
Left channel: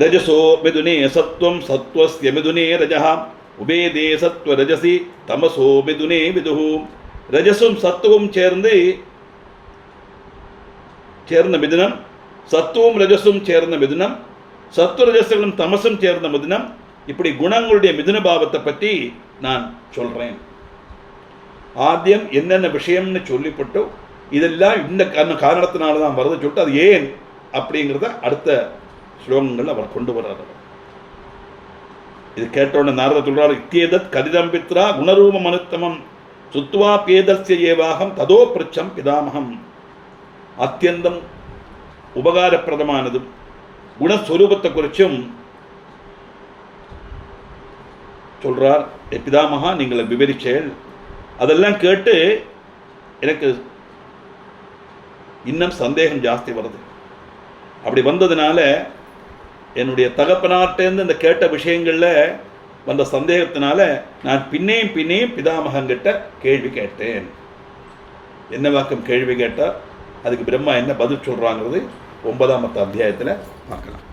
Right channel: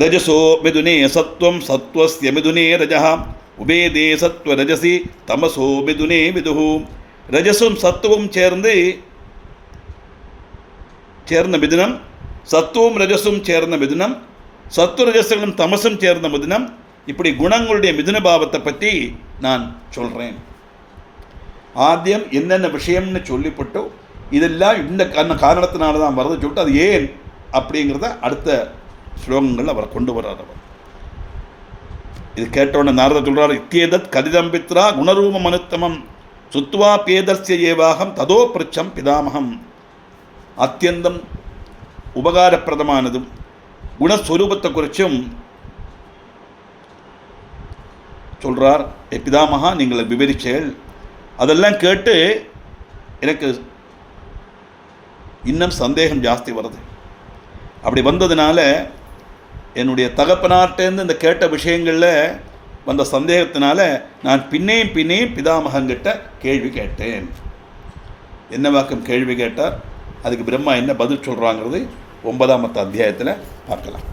ரஜசோ மிதுனே சத்வம் சத்வஸ்ய மிதுனே ரஜஹ உபேதே சத்வ ரஜசி தமசோ மிதுனே விதுஹு. ரஜசும் சத்துவம் சேர்ந்த மிதுனம், சத்துவம் ரஜசும் சேர்ந்த மிதுனம், சத்துவ ரஜசுகளும் தமசும் சேர்ந்த மிதுனம். இப்படி குணங்களுடைய மிதுன பாவத்தை பற்றி நான் சொல்கிறேன். ஆദ്യം என்னென்ன விஷயம்னு சொல்லிப்பட்டு இதெல்லாம் இந்த காரணத்தினால தான் வருது சொல்லிட்டு அது ஏன் அப்படிங்கிறத அடுத்த ஸ்லோகங்கள் அவர் கொண்டு வர்றார். இது கேட்டோன்னு நாரதர் சொல்றார், இத்தியேதத் கதிதம்பித்ரா குணரூபம் அனுத்தமம் சுத்வா பேதஸ்ய ஏவாகம் ததோ பிரச்சம் பிதாமகம். அத்தியந்தம் உபகாரப்பிரதமானதும் குணஸ்வரூபத்தை குறிச்சும் சொல்றார். பிதாமகா நீங்கள் விவரிச்சேன், அதெல்லாம் கேட்டு எனக்கு இன்னும் சந்தேகம் ஜாஸ்தி வருது. அப்படி வந்ததுனால என்னுடைய தகப்பனார்ட்டேருந்து இந்த கேட்ட விஷயங்களில் வந்த சந்தேகத்தினால நான் பின்னேயும் பிதாமகங்கிட்ட கேள்வி கேட்டேன். என்ன வாக்கம் கேள்வி கேட்டால் அதுக்கு பிரம்மா என்ன பதில் சொல்கிறாங்கிறது 9ஆம் அத்தியாயத்தில் பார்க்கலாம்.